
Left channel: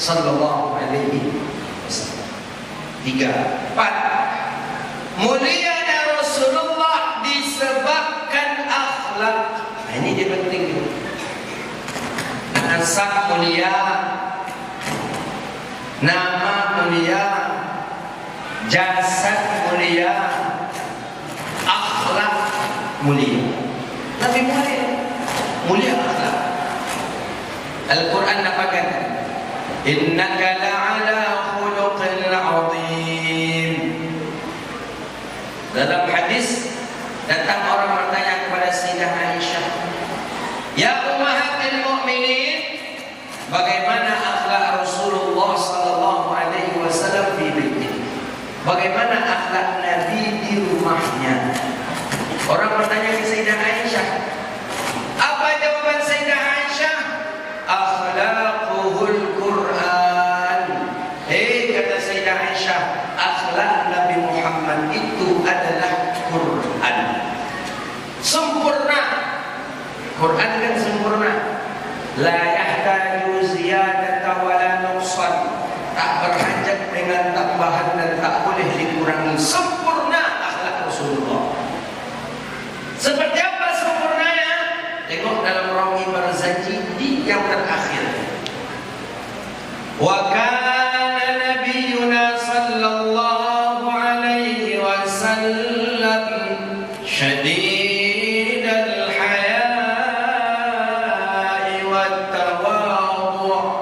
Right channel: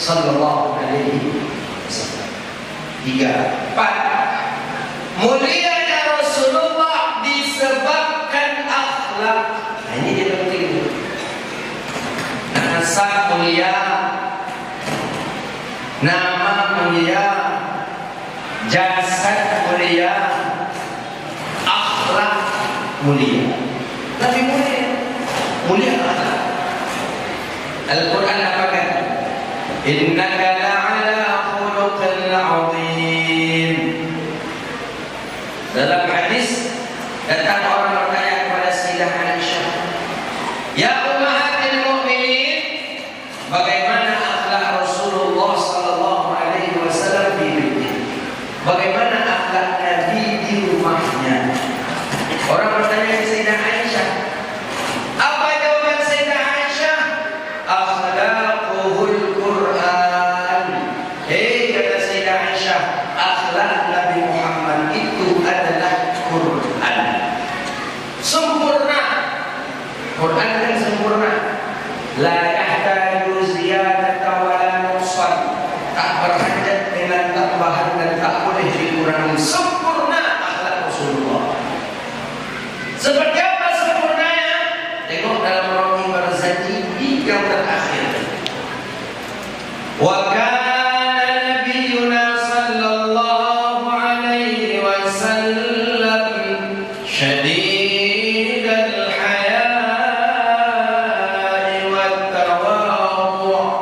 sallallahu alaihi wasallam. 3, 4. Mulianya Rasulullah disebabkan akhlak. Ini dia penting. Nasab mulia, nama mulia, jasad mulia, akhlak mulia. Nabi mulia, mulia akhlak. Al-Quran apa kata? Innaka la'ala khuluqin 'azim. Dalam hadis datang orang bertanya kepada Sayyidah Aisyah, "Ya ummahatil mukminin, bagaimana akhlak Rasulullah sallallahu alaihi wasallam di baitnya? Bagaimana akhlak Nabi di rumahnya?" Orang bertanya ke Sayyidah Aisyah. Apa jawaban Sayyidah Aisyah? Akhlaquhul Quran. Kata Sayyidah Aisyah, akhlak Nabi Muhammad itu adalah Quran. Sempurna. Quran yang sempurna. La yahtaju ziyadata wa la nuqsan. Tak berhajat dengan tambahan dan tak boleh dikurangi. Sempurna akhlak Rasulullah. Seperti apa sempurnanya? Tengok dalam Rawi Barzanji di yang terakhir. Wa kana nabiyuna sallallahu alaihi wasallam syadidal haya'i wat tawadhu'.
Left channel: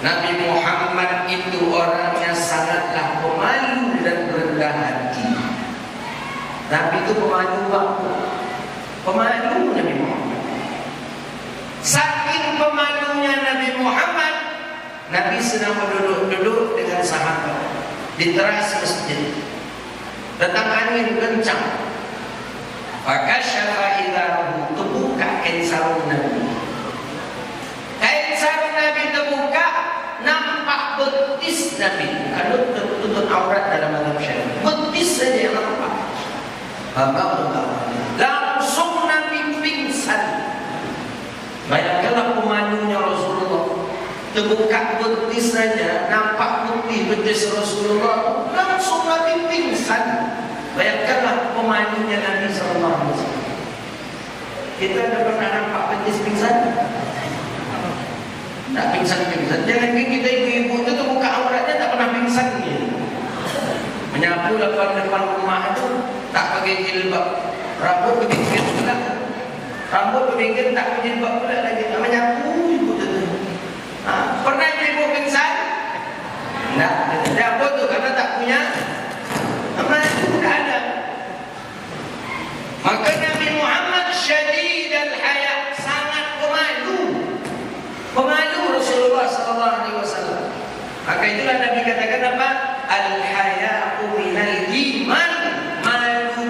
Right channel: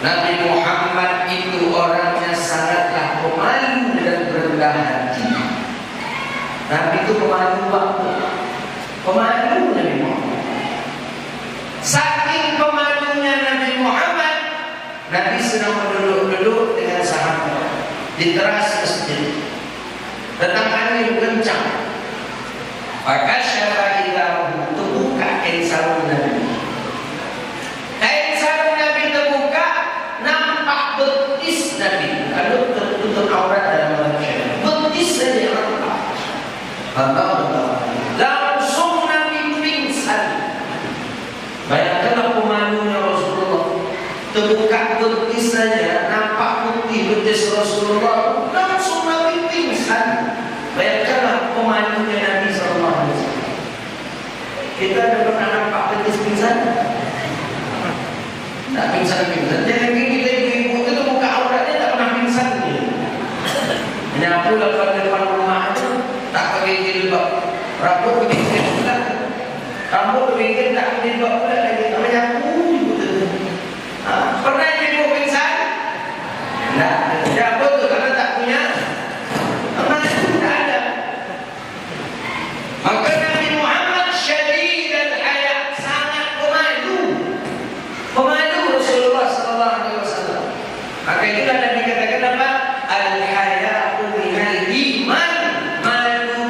Nabi Muhammad itu orangnya sangatlah pemalu dan berendah hati. Nabi itu pemalu banget. Pemalu Nabi Muhammad. Saking pemalunya Nabi Muhammad, Nabi sedang duduk dengan sahabat di teras masjid. Datang angin kencang. Maka syara ilahu, terbuka kain sarung Nabi. Kain sarung Nabi terbuka, nampak betis Nabi. Kalau tertutup aurat dalam manusia, betis saja yang nampak. Langsung Nabi pingsan. Bayangkanlah pemalunya Rasulullah. Terbuka betis saja, nampak putih betis Rasulullah, langsung Nabi pingsan. Bayangkanlah pemalunya Nabi SAW. Kita dah pernah nampak betis pingsan? Tak pingsan-pingsan. Jangan kita ibu itu buka auratnya tak pernah pingsan ni. Menyapu depan rumah itu tak pakai jilbab, rambut begini pula, rambut begini tak jilbab pula lagi, tak menyapu. Pernah ibu pingsan? Tak. Kenapa tu? Karena tak punya amal, tak ada. Maka Nabi Muhammad syadid al-haya, sangat pemalu. Pemalu Rasulullah sallallahu alaihi wasallam. Maka itu Nabi katakan apa? Al-haya'u minal iman. Malu itu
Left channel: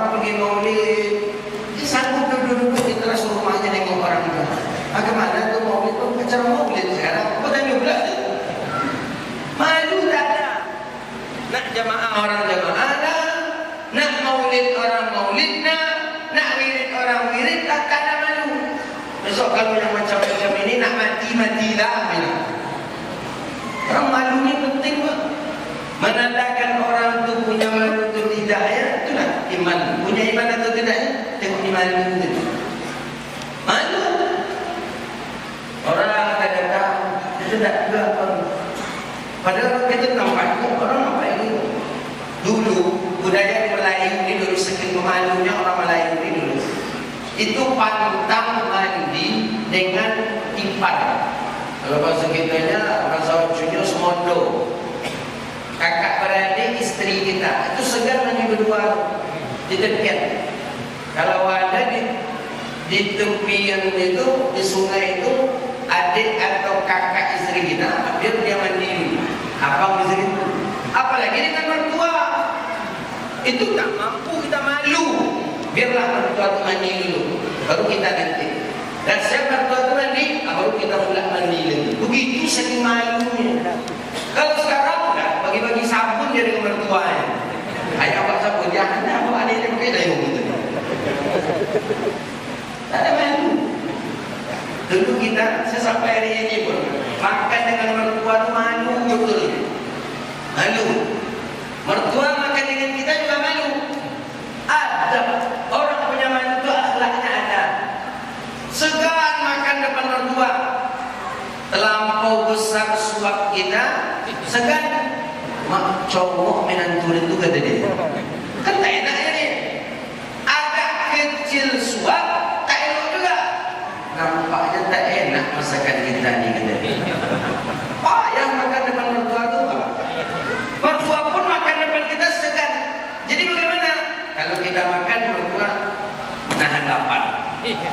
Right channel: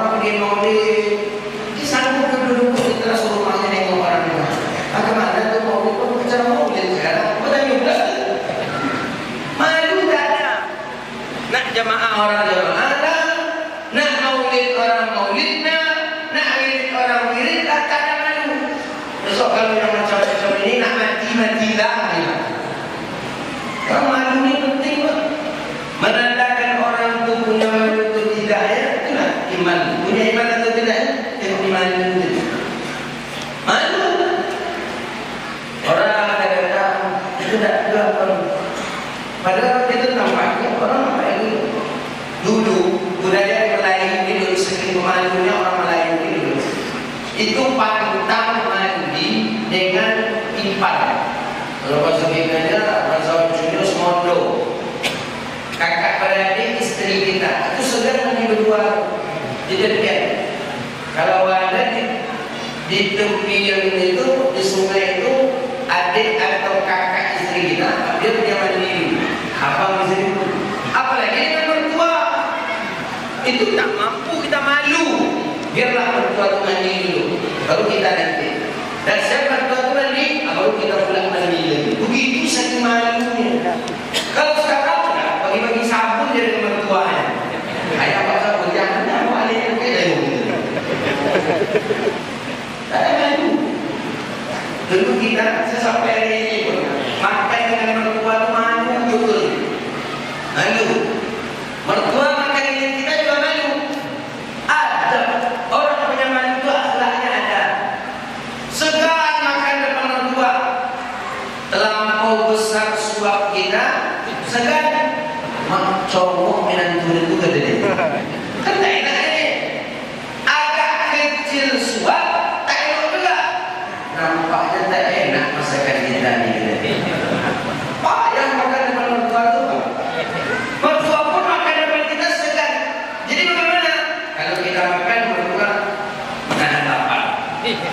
Orang pergi maulid, dia sanggup duduk di teras rumahnya nengok orang itu. Bagaimana tuh maulid? Bicara maulid sekarang, betul juga. Malu tak ada. Nak jamaah orang jamaah lah, nak maulid orang maulid lah, nak wirid orang wirid lah, tak ada malu. Besok kalau yang macam-macam ini nak mati lah. Orang malu ni penting pun. Menandakan orang itu punya malu atau tidak ya, itulah iman. Punya iman atau tidak ya, yang iman itu. Malu. Orang kadang-kadang itu tak juga. Padahal kita nampaknya orang apa yang itu. Dulu budaya Melayu dulu sering memalunya orang Melayu dulu. Itu pantang mandi dengan ipar. Kalau bahasa kitanya bahasa Cina semondo. Kakak beradik istri kita itu sedang mandi berdua di dekat. Kalau ada di tepi yang itu di sungai itu adik atau kakak istri kita dia mandi. Apa maksudnya? Apalagi dengan mertua itu tak mampu kita malu. Biarlah mertua itu mandi dulu, baru kita nanti. Dan siapa mertua itu mandi, baru kita pulang mandi lagi. Begitu saking malunya. Kalau sekarang sudah bagi-bagi sabun dia dengan mertuanya. Ayah apa sabun? Jangan apa yang beda gitu. Tak ada malu. Dulu kita sesampai hari ini makan dengan mertua itu malu betul. Malu. Mertua makan dengan kita juga malu. Ada orang punya malu itu akhlaknya ada. Segan makan depan mertua. Terlampau besar suap kita, segan mak cowok menantu itu kata dia. Kan tak enak ini. Agak kecil suap, tak enak juga. Nampaknya tak enak masakan kita ni. Payah makan depan mertua tu. Mertua pun makan depan kita segan. Jadi bagaimana? Kalau kita makan mertua menahan lapar.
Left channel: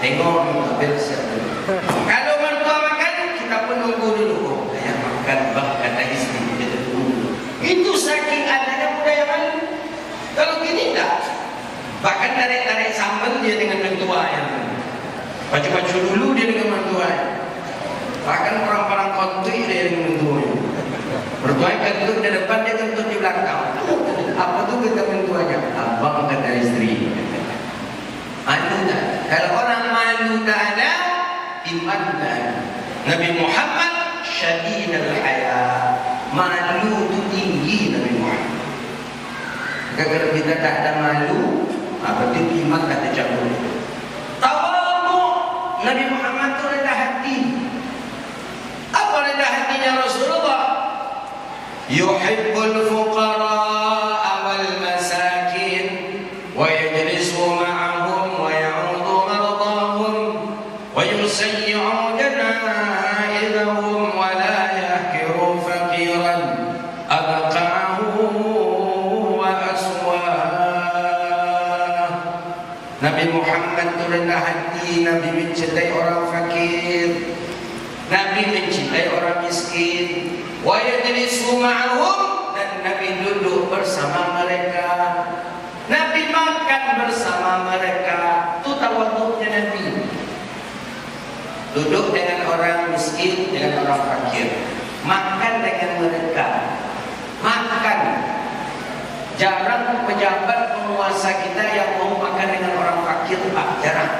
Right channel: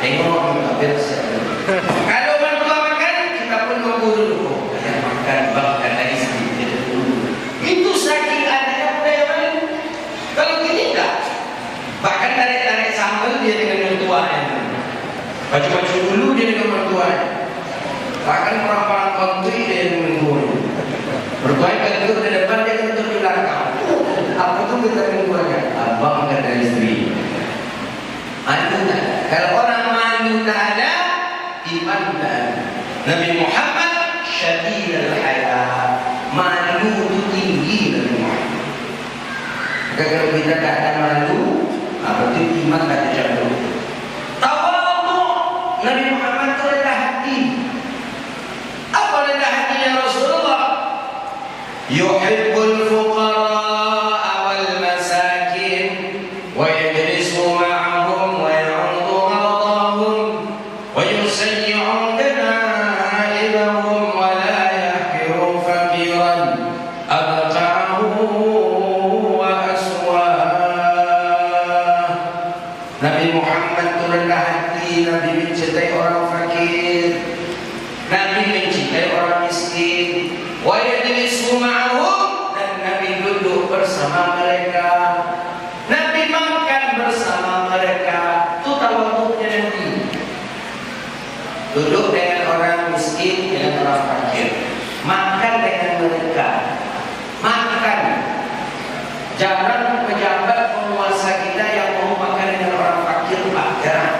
Tengok beres. Kalau mertua makan kita pun tunggu dulu. Makan bahkan dari sedikit dulu. Itu saking adanya budaya malu. Kalau kita tak, bahkan tarik-tarik sambal dia dengan mertuanya. Baju-baju dulu dia dengan mertuanya. Bahkan orang-orang kontri dia dengan mertuanya. Berbaik kentur di depan, dia kentur di belakang. Apa tu kita mertuanya? Abang angkat dari istri. Malu tak? Kalau orang malu tak ada, iman tak ada. Nabi Muhammad syadid al-haya. Malu itu tinggi Nabi Muhammad. Kalau kita tak ada malu, berarti iman tak tercapai. Tawadhu, Nabi Muhammad itu rendah hati. Apa rendah hatinya Rasulullah? Yuhibbul fuqara wal masakin wa yajlisu ma'ahum wa ya'udhu ghadahum wa yusayyi'u danaa'idahum wa la yahkiru faqiran abqa'ahu wa aswah. Nabi Muhammad itu rendah hati. Nabi mencintai orang fakir, Nabi mencintai orang miskin. Wa yajlisu ma'ahum, dan Nabi duduk bersama mereka. Nabi makan bersama mereka. Itu tawadhu'nya Nabi. Duduk dengan orang miskin, dengan orang fakir. Makan dengan mereka. Makan. Jarang pejabat penguasa kita yang mau makan dengan orang fakir, Pak. Jarang.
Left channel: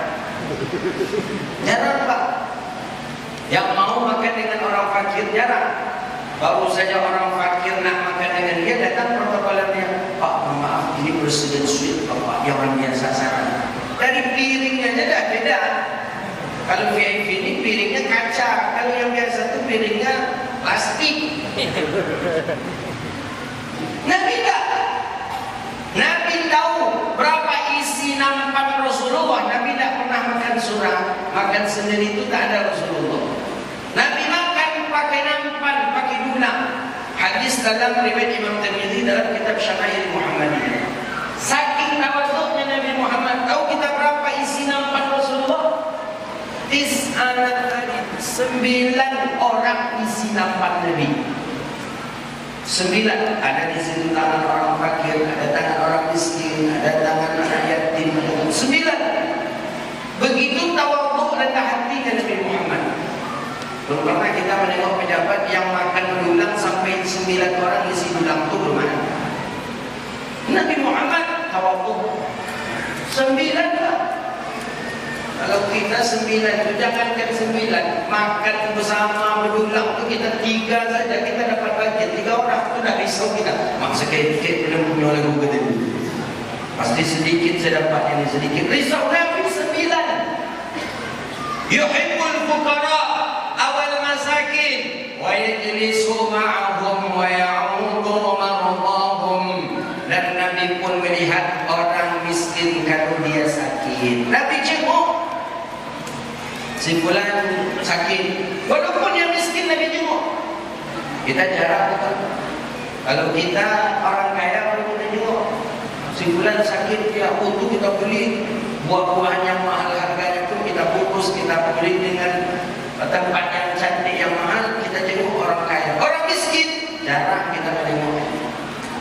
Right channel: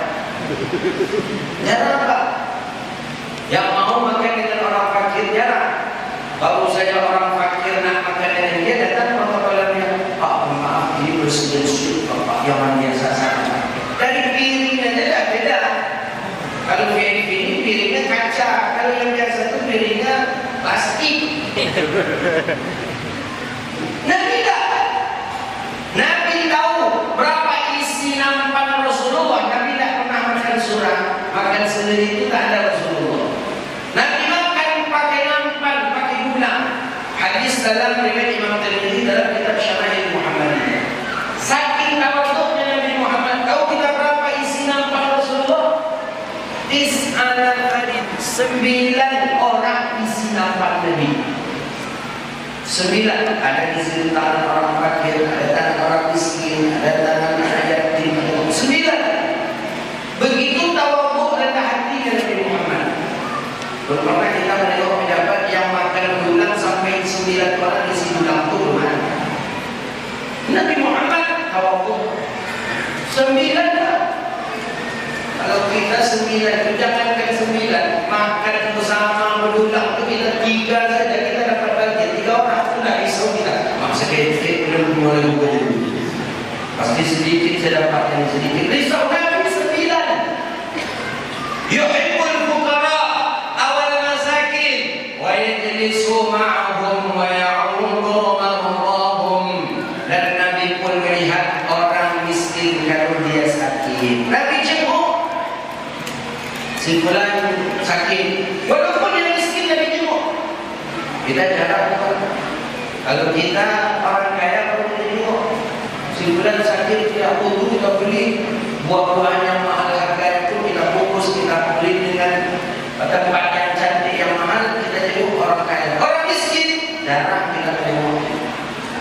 Jarang, Pak. Yang mau makan dengan orang fakir jarang. Baru saja orang fakir nak makan dengan dia, datang protokolernya, Pak, maaf, ini presiden sulit, Pak, jangan biasa sama. Dari piringnya saja beda. Kalau VIP ini piringnya kaca, kalau yang biasa itu piringnya plastik. Nabi tak. Nabi tahu berapa isi nampan Rasulullah. Nabi tak pernah makan surah, makan sendiri itu tak ada Rasulullah. Nabi makan pakai nampan, pakai gula. Hadis dalam riwayat Imam Tirmidzi dalam kitab Syama'il Muhammadiyah. Saking tawadhu'nya Nabi Muhammad, tahu kita berapa isi nampan Rasulullah? 9 orang isi nampan Nabi. 9. Ada di sini tangan orang fakir, ada tangan orang miskin, ada tangan rakyat 9 lah. Kalau kita 9 itu jangankan 9, makan bersama berulang itu kita 3 saja kita dapat budget 3 orang itu dah risau kita. Sedikit belum mulai bekerja. Pasti sedikit saya dapat yang sedikit. Risau Nabi 9. Yuhibbul fuqara awal masakin wa yajlisu ma'ahum wa ya'udu marhum. Dan Nabi pun melihat orang miskin kalau dia sakit. Nabi jenguk. Si fulan sakit. Walaupun dia miskin Nabi jenguk. Kita jarang kan. Kalau kita orang kaya perlu jenguk. Si fulan sakit dia butuh kita beli buah-buah yang mahal harga itu kita bungkus kita beli dengan tempat yang cantik yang mahal kita jenguk orang kaya. Orang miskin jarang kita jenguk.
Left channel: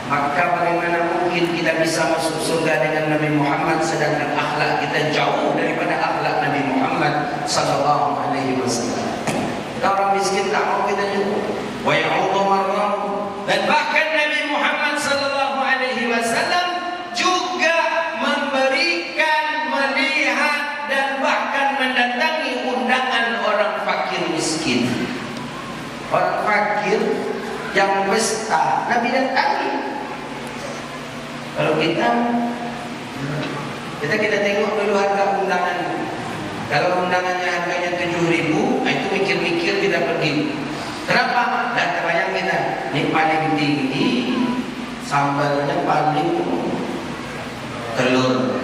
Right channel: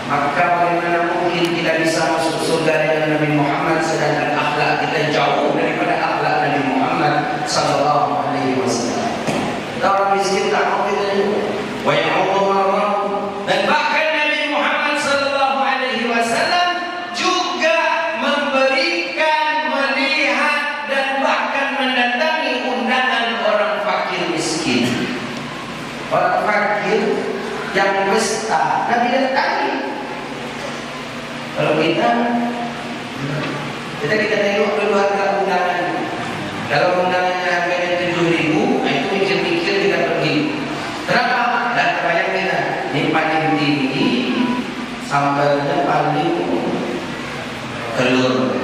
Maka bagaimana mungkin kita bisa masuk surga dengan Nabi Muhammad sedangkan akhlak kita jauh daripada akhlak Nabi Muhammad sallallahu alaihi wasallam. Kita orang miskin tak mau kita jenguk. Wa ya'udu marhum. Dan bahkan Nabi Muhammad sallallahu alaihi wasallam juga memberikan, melihat dan bahkan mendatangi undangan orang fakir miskin. Orang fakir yang pesta Nabi datangi. Kalau kita tengok dulu harga undangan. Kalau undangannya harganya 7.000, itu mikir-mikir kita pergi. Kenapa? Dan kebayang kita, ini paling tinggi, sambalnya paling telur.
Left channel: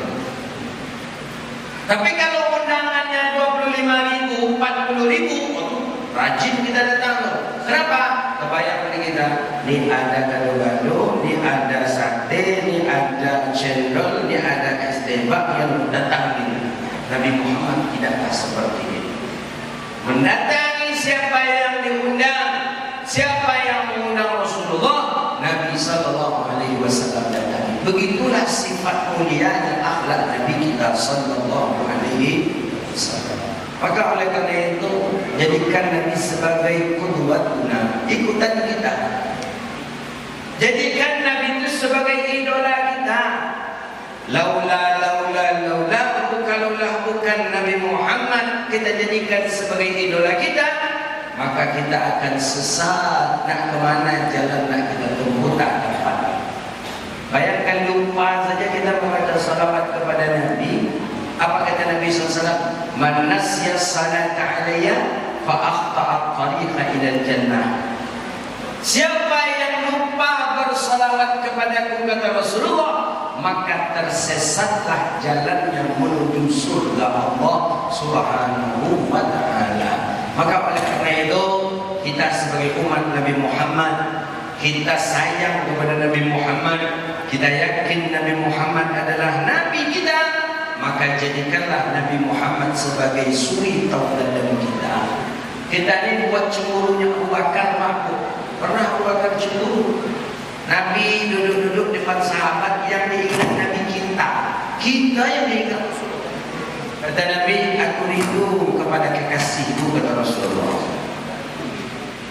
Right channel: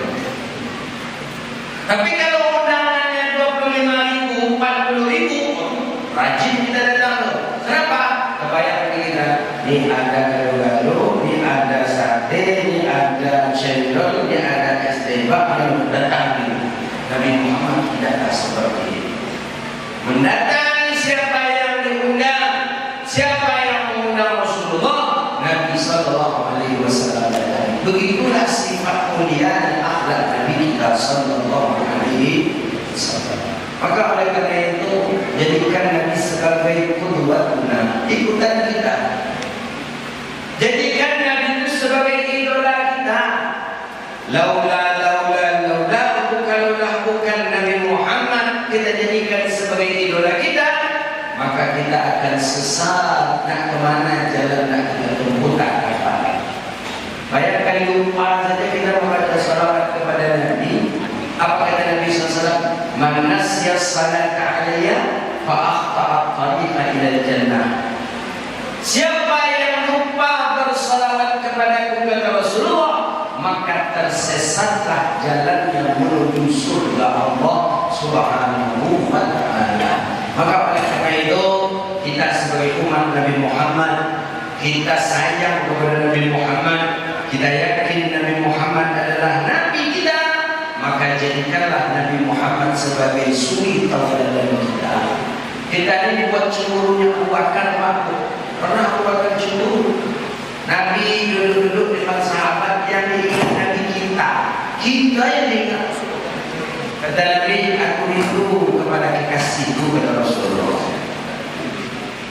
Tapi kalau undangannya 25.000, 40.000, rajin kita datang. Kenapa? Kebayang kita, ini ada gado-gado, ini ada sate, ini ada cendol, ini ada es tembak, lalu datang ini. Nabi Muhammad tidak seperti ini. Mendatangi siapa yang diundang, siapa yang mengundang Rasulullah, Nabi sallallahu alaihi wasallam datang. Begitulah sifat mulia dan akhlak Nabi kita sallallahu alaihi wasallam. Maka oleh karena itu jadikan Nabi sebagai qudwatuna, ikutan kita. Jadikan Nabi itu sebagai idola kita. Bukan Nabi Muhammad kita jadikan sebagai idola kita, maka kita akan sesat. Nak kemana jalan nak kita tempuh tak dapat. Bayangkan lupa saja kita membaca salawat kepada Nabi. Apa kata Nabi SAW? Man nasya salata alayya fa akhta'a tariqa ila jannah. Siapa yang lupa bersalawat kepadaku kata Rasulullah, maka tersesatlah jalan yang menuju surga Allah Subhanahu wa ta'ala. Maka oleh karena itu kita sebagai umat Nabi Muhammad, kita sayang kepada Nabi Muhammad, kita yakin Nabi Muhammad adalah Nabi kita, maka jadikanlah Nabi Muhammad sebagai suri tauladan kita. Kita ini buat cemburunya Abu Bakar mampu. Pernah Abu Bakar cemburu. Nabi duduk-duduk dengan sahabat yang diingat Nabi kita yang diingat. Kata Nabi, aku rindu kepada kekasihku kata Rasulullah.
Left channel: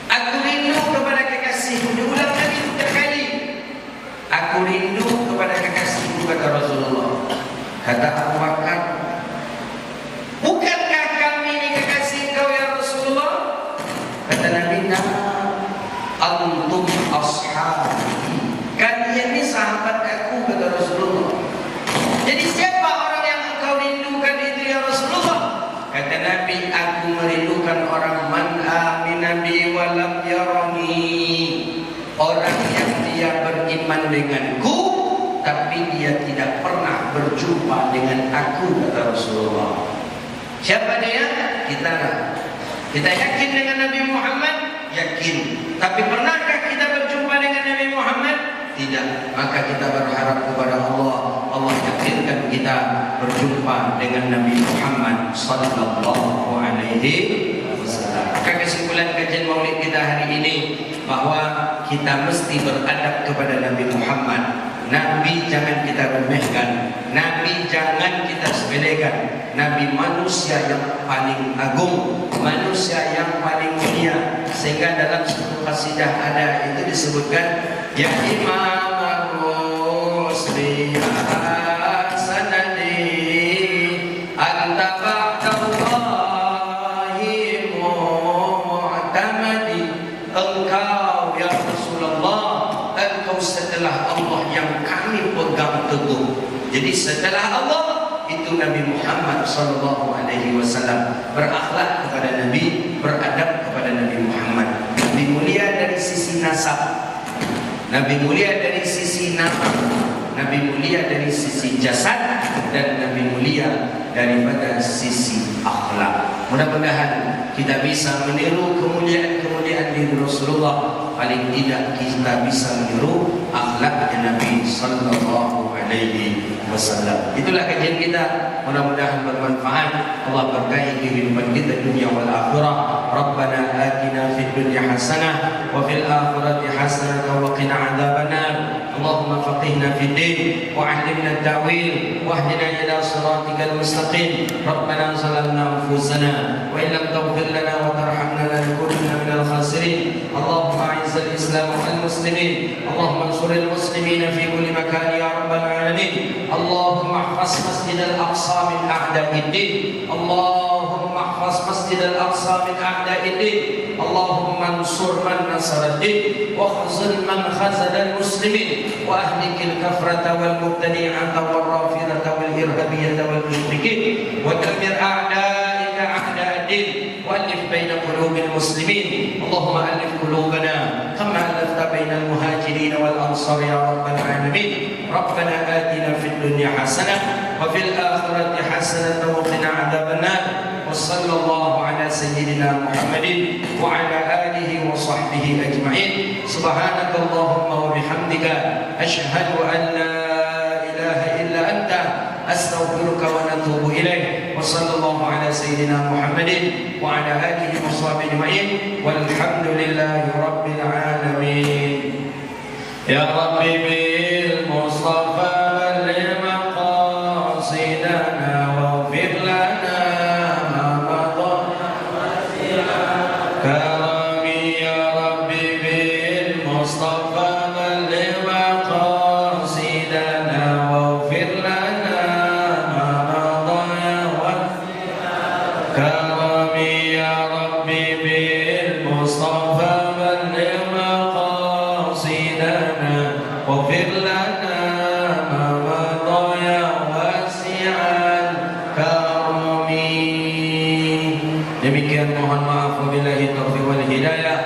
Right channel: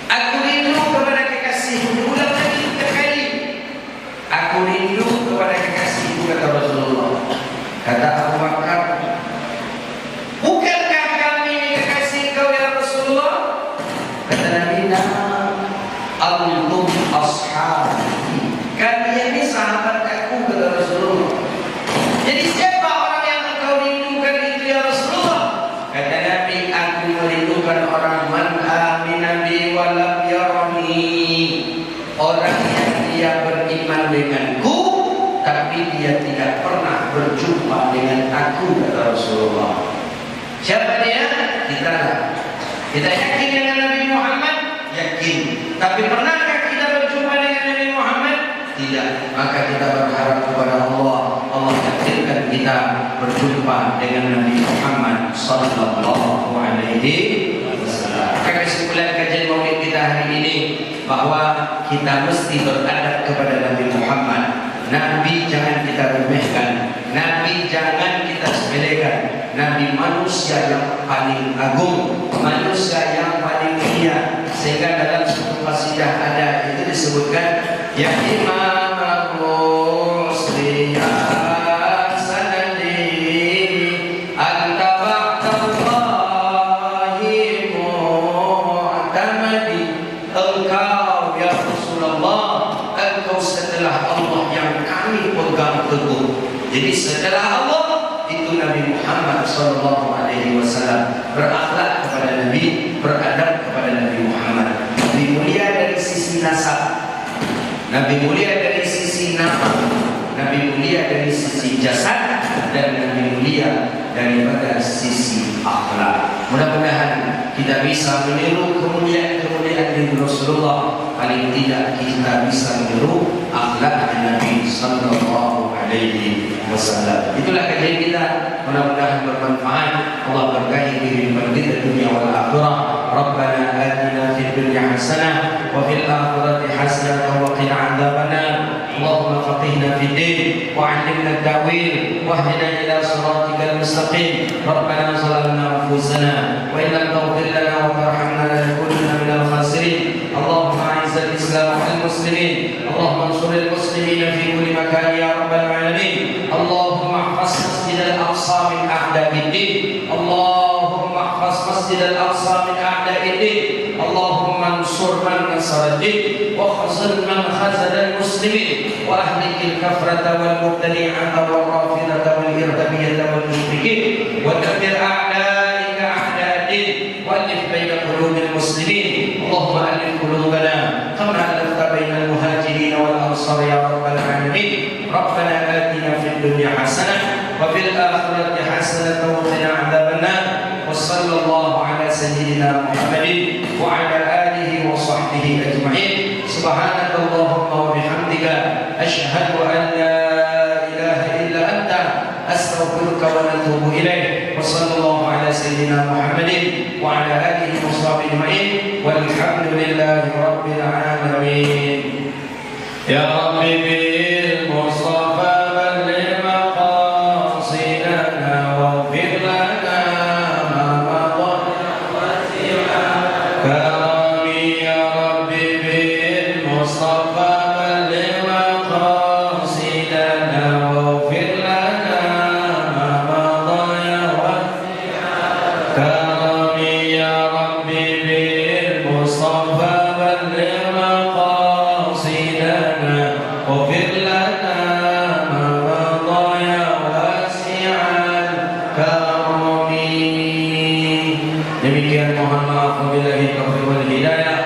Aku rindu kepada kekasihku. Ulang lagi 3 kali. Aku rindu kepada kekasihku kata Rasulullah. Kata Abu Bakar, bukankah kami kekasih kau ya Rasulullah? Kata Nabi, antum ashabi. Kalian ini sahabat aku kata Rasulullah. Jadi siapa orang yang engkau rindukan itu ya Rasulullah? Kata Nabi, aku merindukan orang man amina bi wa lam yarani. Orang yang dia beriman denganku tapi dia tidak pernah berjumpa dengan aku kata Rasulullah. Siapa dia? Kita lah. Kita yakin dengan Nabi Muhammad? Yakin. Tapi pernahkah kita berjumpa dengan Nabi Muhammad? Tidak. Maka kita berharap kepada Allah, Allah yakinkan kita berjumpa dengan Nabi Muhammad sallallahu alaihi wasallam. Maka kesimpulan kajian Maulid kita hari ini bahwa kita mesti beradab kepada Nabi Muhammad. Nabi jangan kita remehkan, Nabi jangan kita sepelekan. Nabi manusia yang paling agung, manusia yang paling mulia. Sehingga dalam satu qasidah ada itu disebutkan ya Imam Muslim sanadi itu Nabi Muhammad sallallahu alaihi wasallam. Berakhlak kepada Nabi, beradab kepada Nabi Muhammad. Nabi mulia dari sisi nasab, Nabi mulia dari sisi nama, Nabi mulia dari sisi jasad, dan Nabi mulia daripada sisi akhlak. Mudah-mudahan kita bisa meniru kemuliaan-kemuliaan Nabi Rasulullah. Paling tidak kita bisa meniru akhlak Nabi sallallahu alaihi wasallam. Itulah kajian kita. Mudah-mudahan bermanfaat. Allah berkahi kehidupan kita dunia wal akhirah. Rabbana atina fid dunya hasanah wa fil akhirati hasanah wa qina adzabannar. اللهم فقهنا في الدين وعلمنا التأويل واهدنا إلى صراطك المستقيم. ربنا ظلمنا أنفسنا وإن لم تغفر لنا وترحمنا لنكونن من الخاسرين. اللهم أعز الإسلام والمسلمين. اللهم انصر المسلمين في كل مكان يا رب العالمين. اللهم احفظ مسجد الأقصى من أعداء الدين. اللهم احفظ مسجد الأقصى من أعداء الدين. اللهم انصر من نصر الدين واخذل من خذل المسلمين وأهلك الكفرة والمبتدعة والرافضة والإرهابية والمشركين ودمر أعدائك أعداء الدين وألف بين قلوب المسلمين. اللهم ألف قلوبنا كما ألفت بين المهاجرين والأنصار يا رب العالمين. ربنا آتنا في الدنيا حسنة وفي الآخرة حسنة وقنا عذاب النار. وصلى الله على سيدنا محمد وعلى آله وصحبه أجمعين. سبحانك اللهم وبحمدك أشهد أن لا إله إلا أنت أستغفرك ونتوب إليك. وصلى الله على سيدنا محمد وعلى آله وصحبه أجمعين والحمد لله رب العالمين. يا ربي بالمصطفى بلغ مقاصدنا واغفر لنا ما مضى كرمي يا ربي بالمصطفى بلغ مقاصدنا واغفر لنا ما مضى كرمي يا ربي بالمصطفى بلغ مقاصدنا واغفر لنا ما مضى واسع الكرم. Demikian mohon maaf wabillahi taufiq wal hidayah.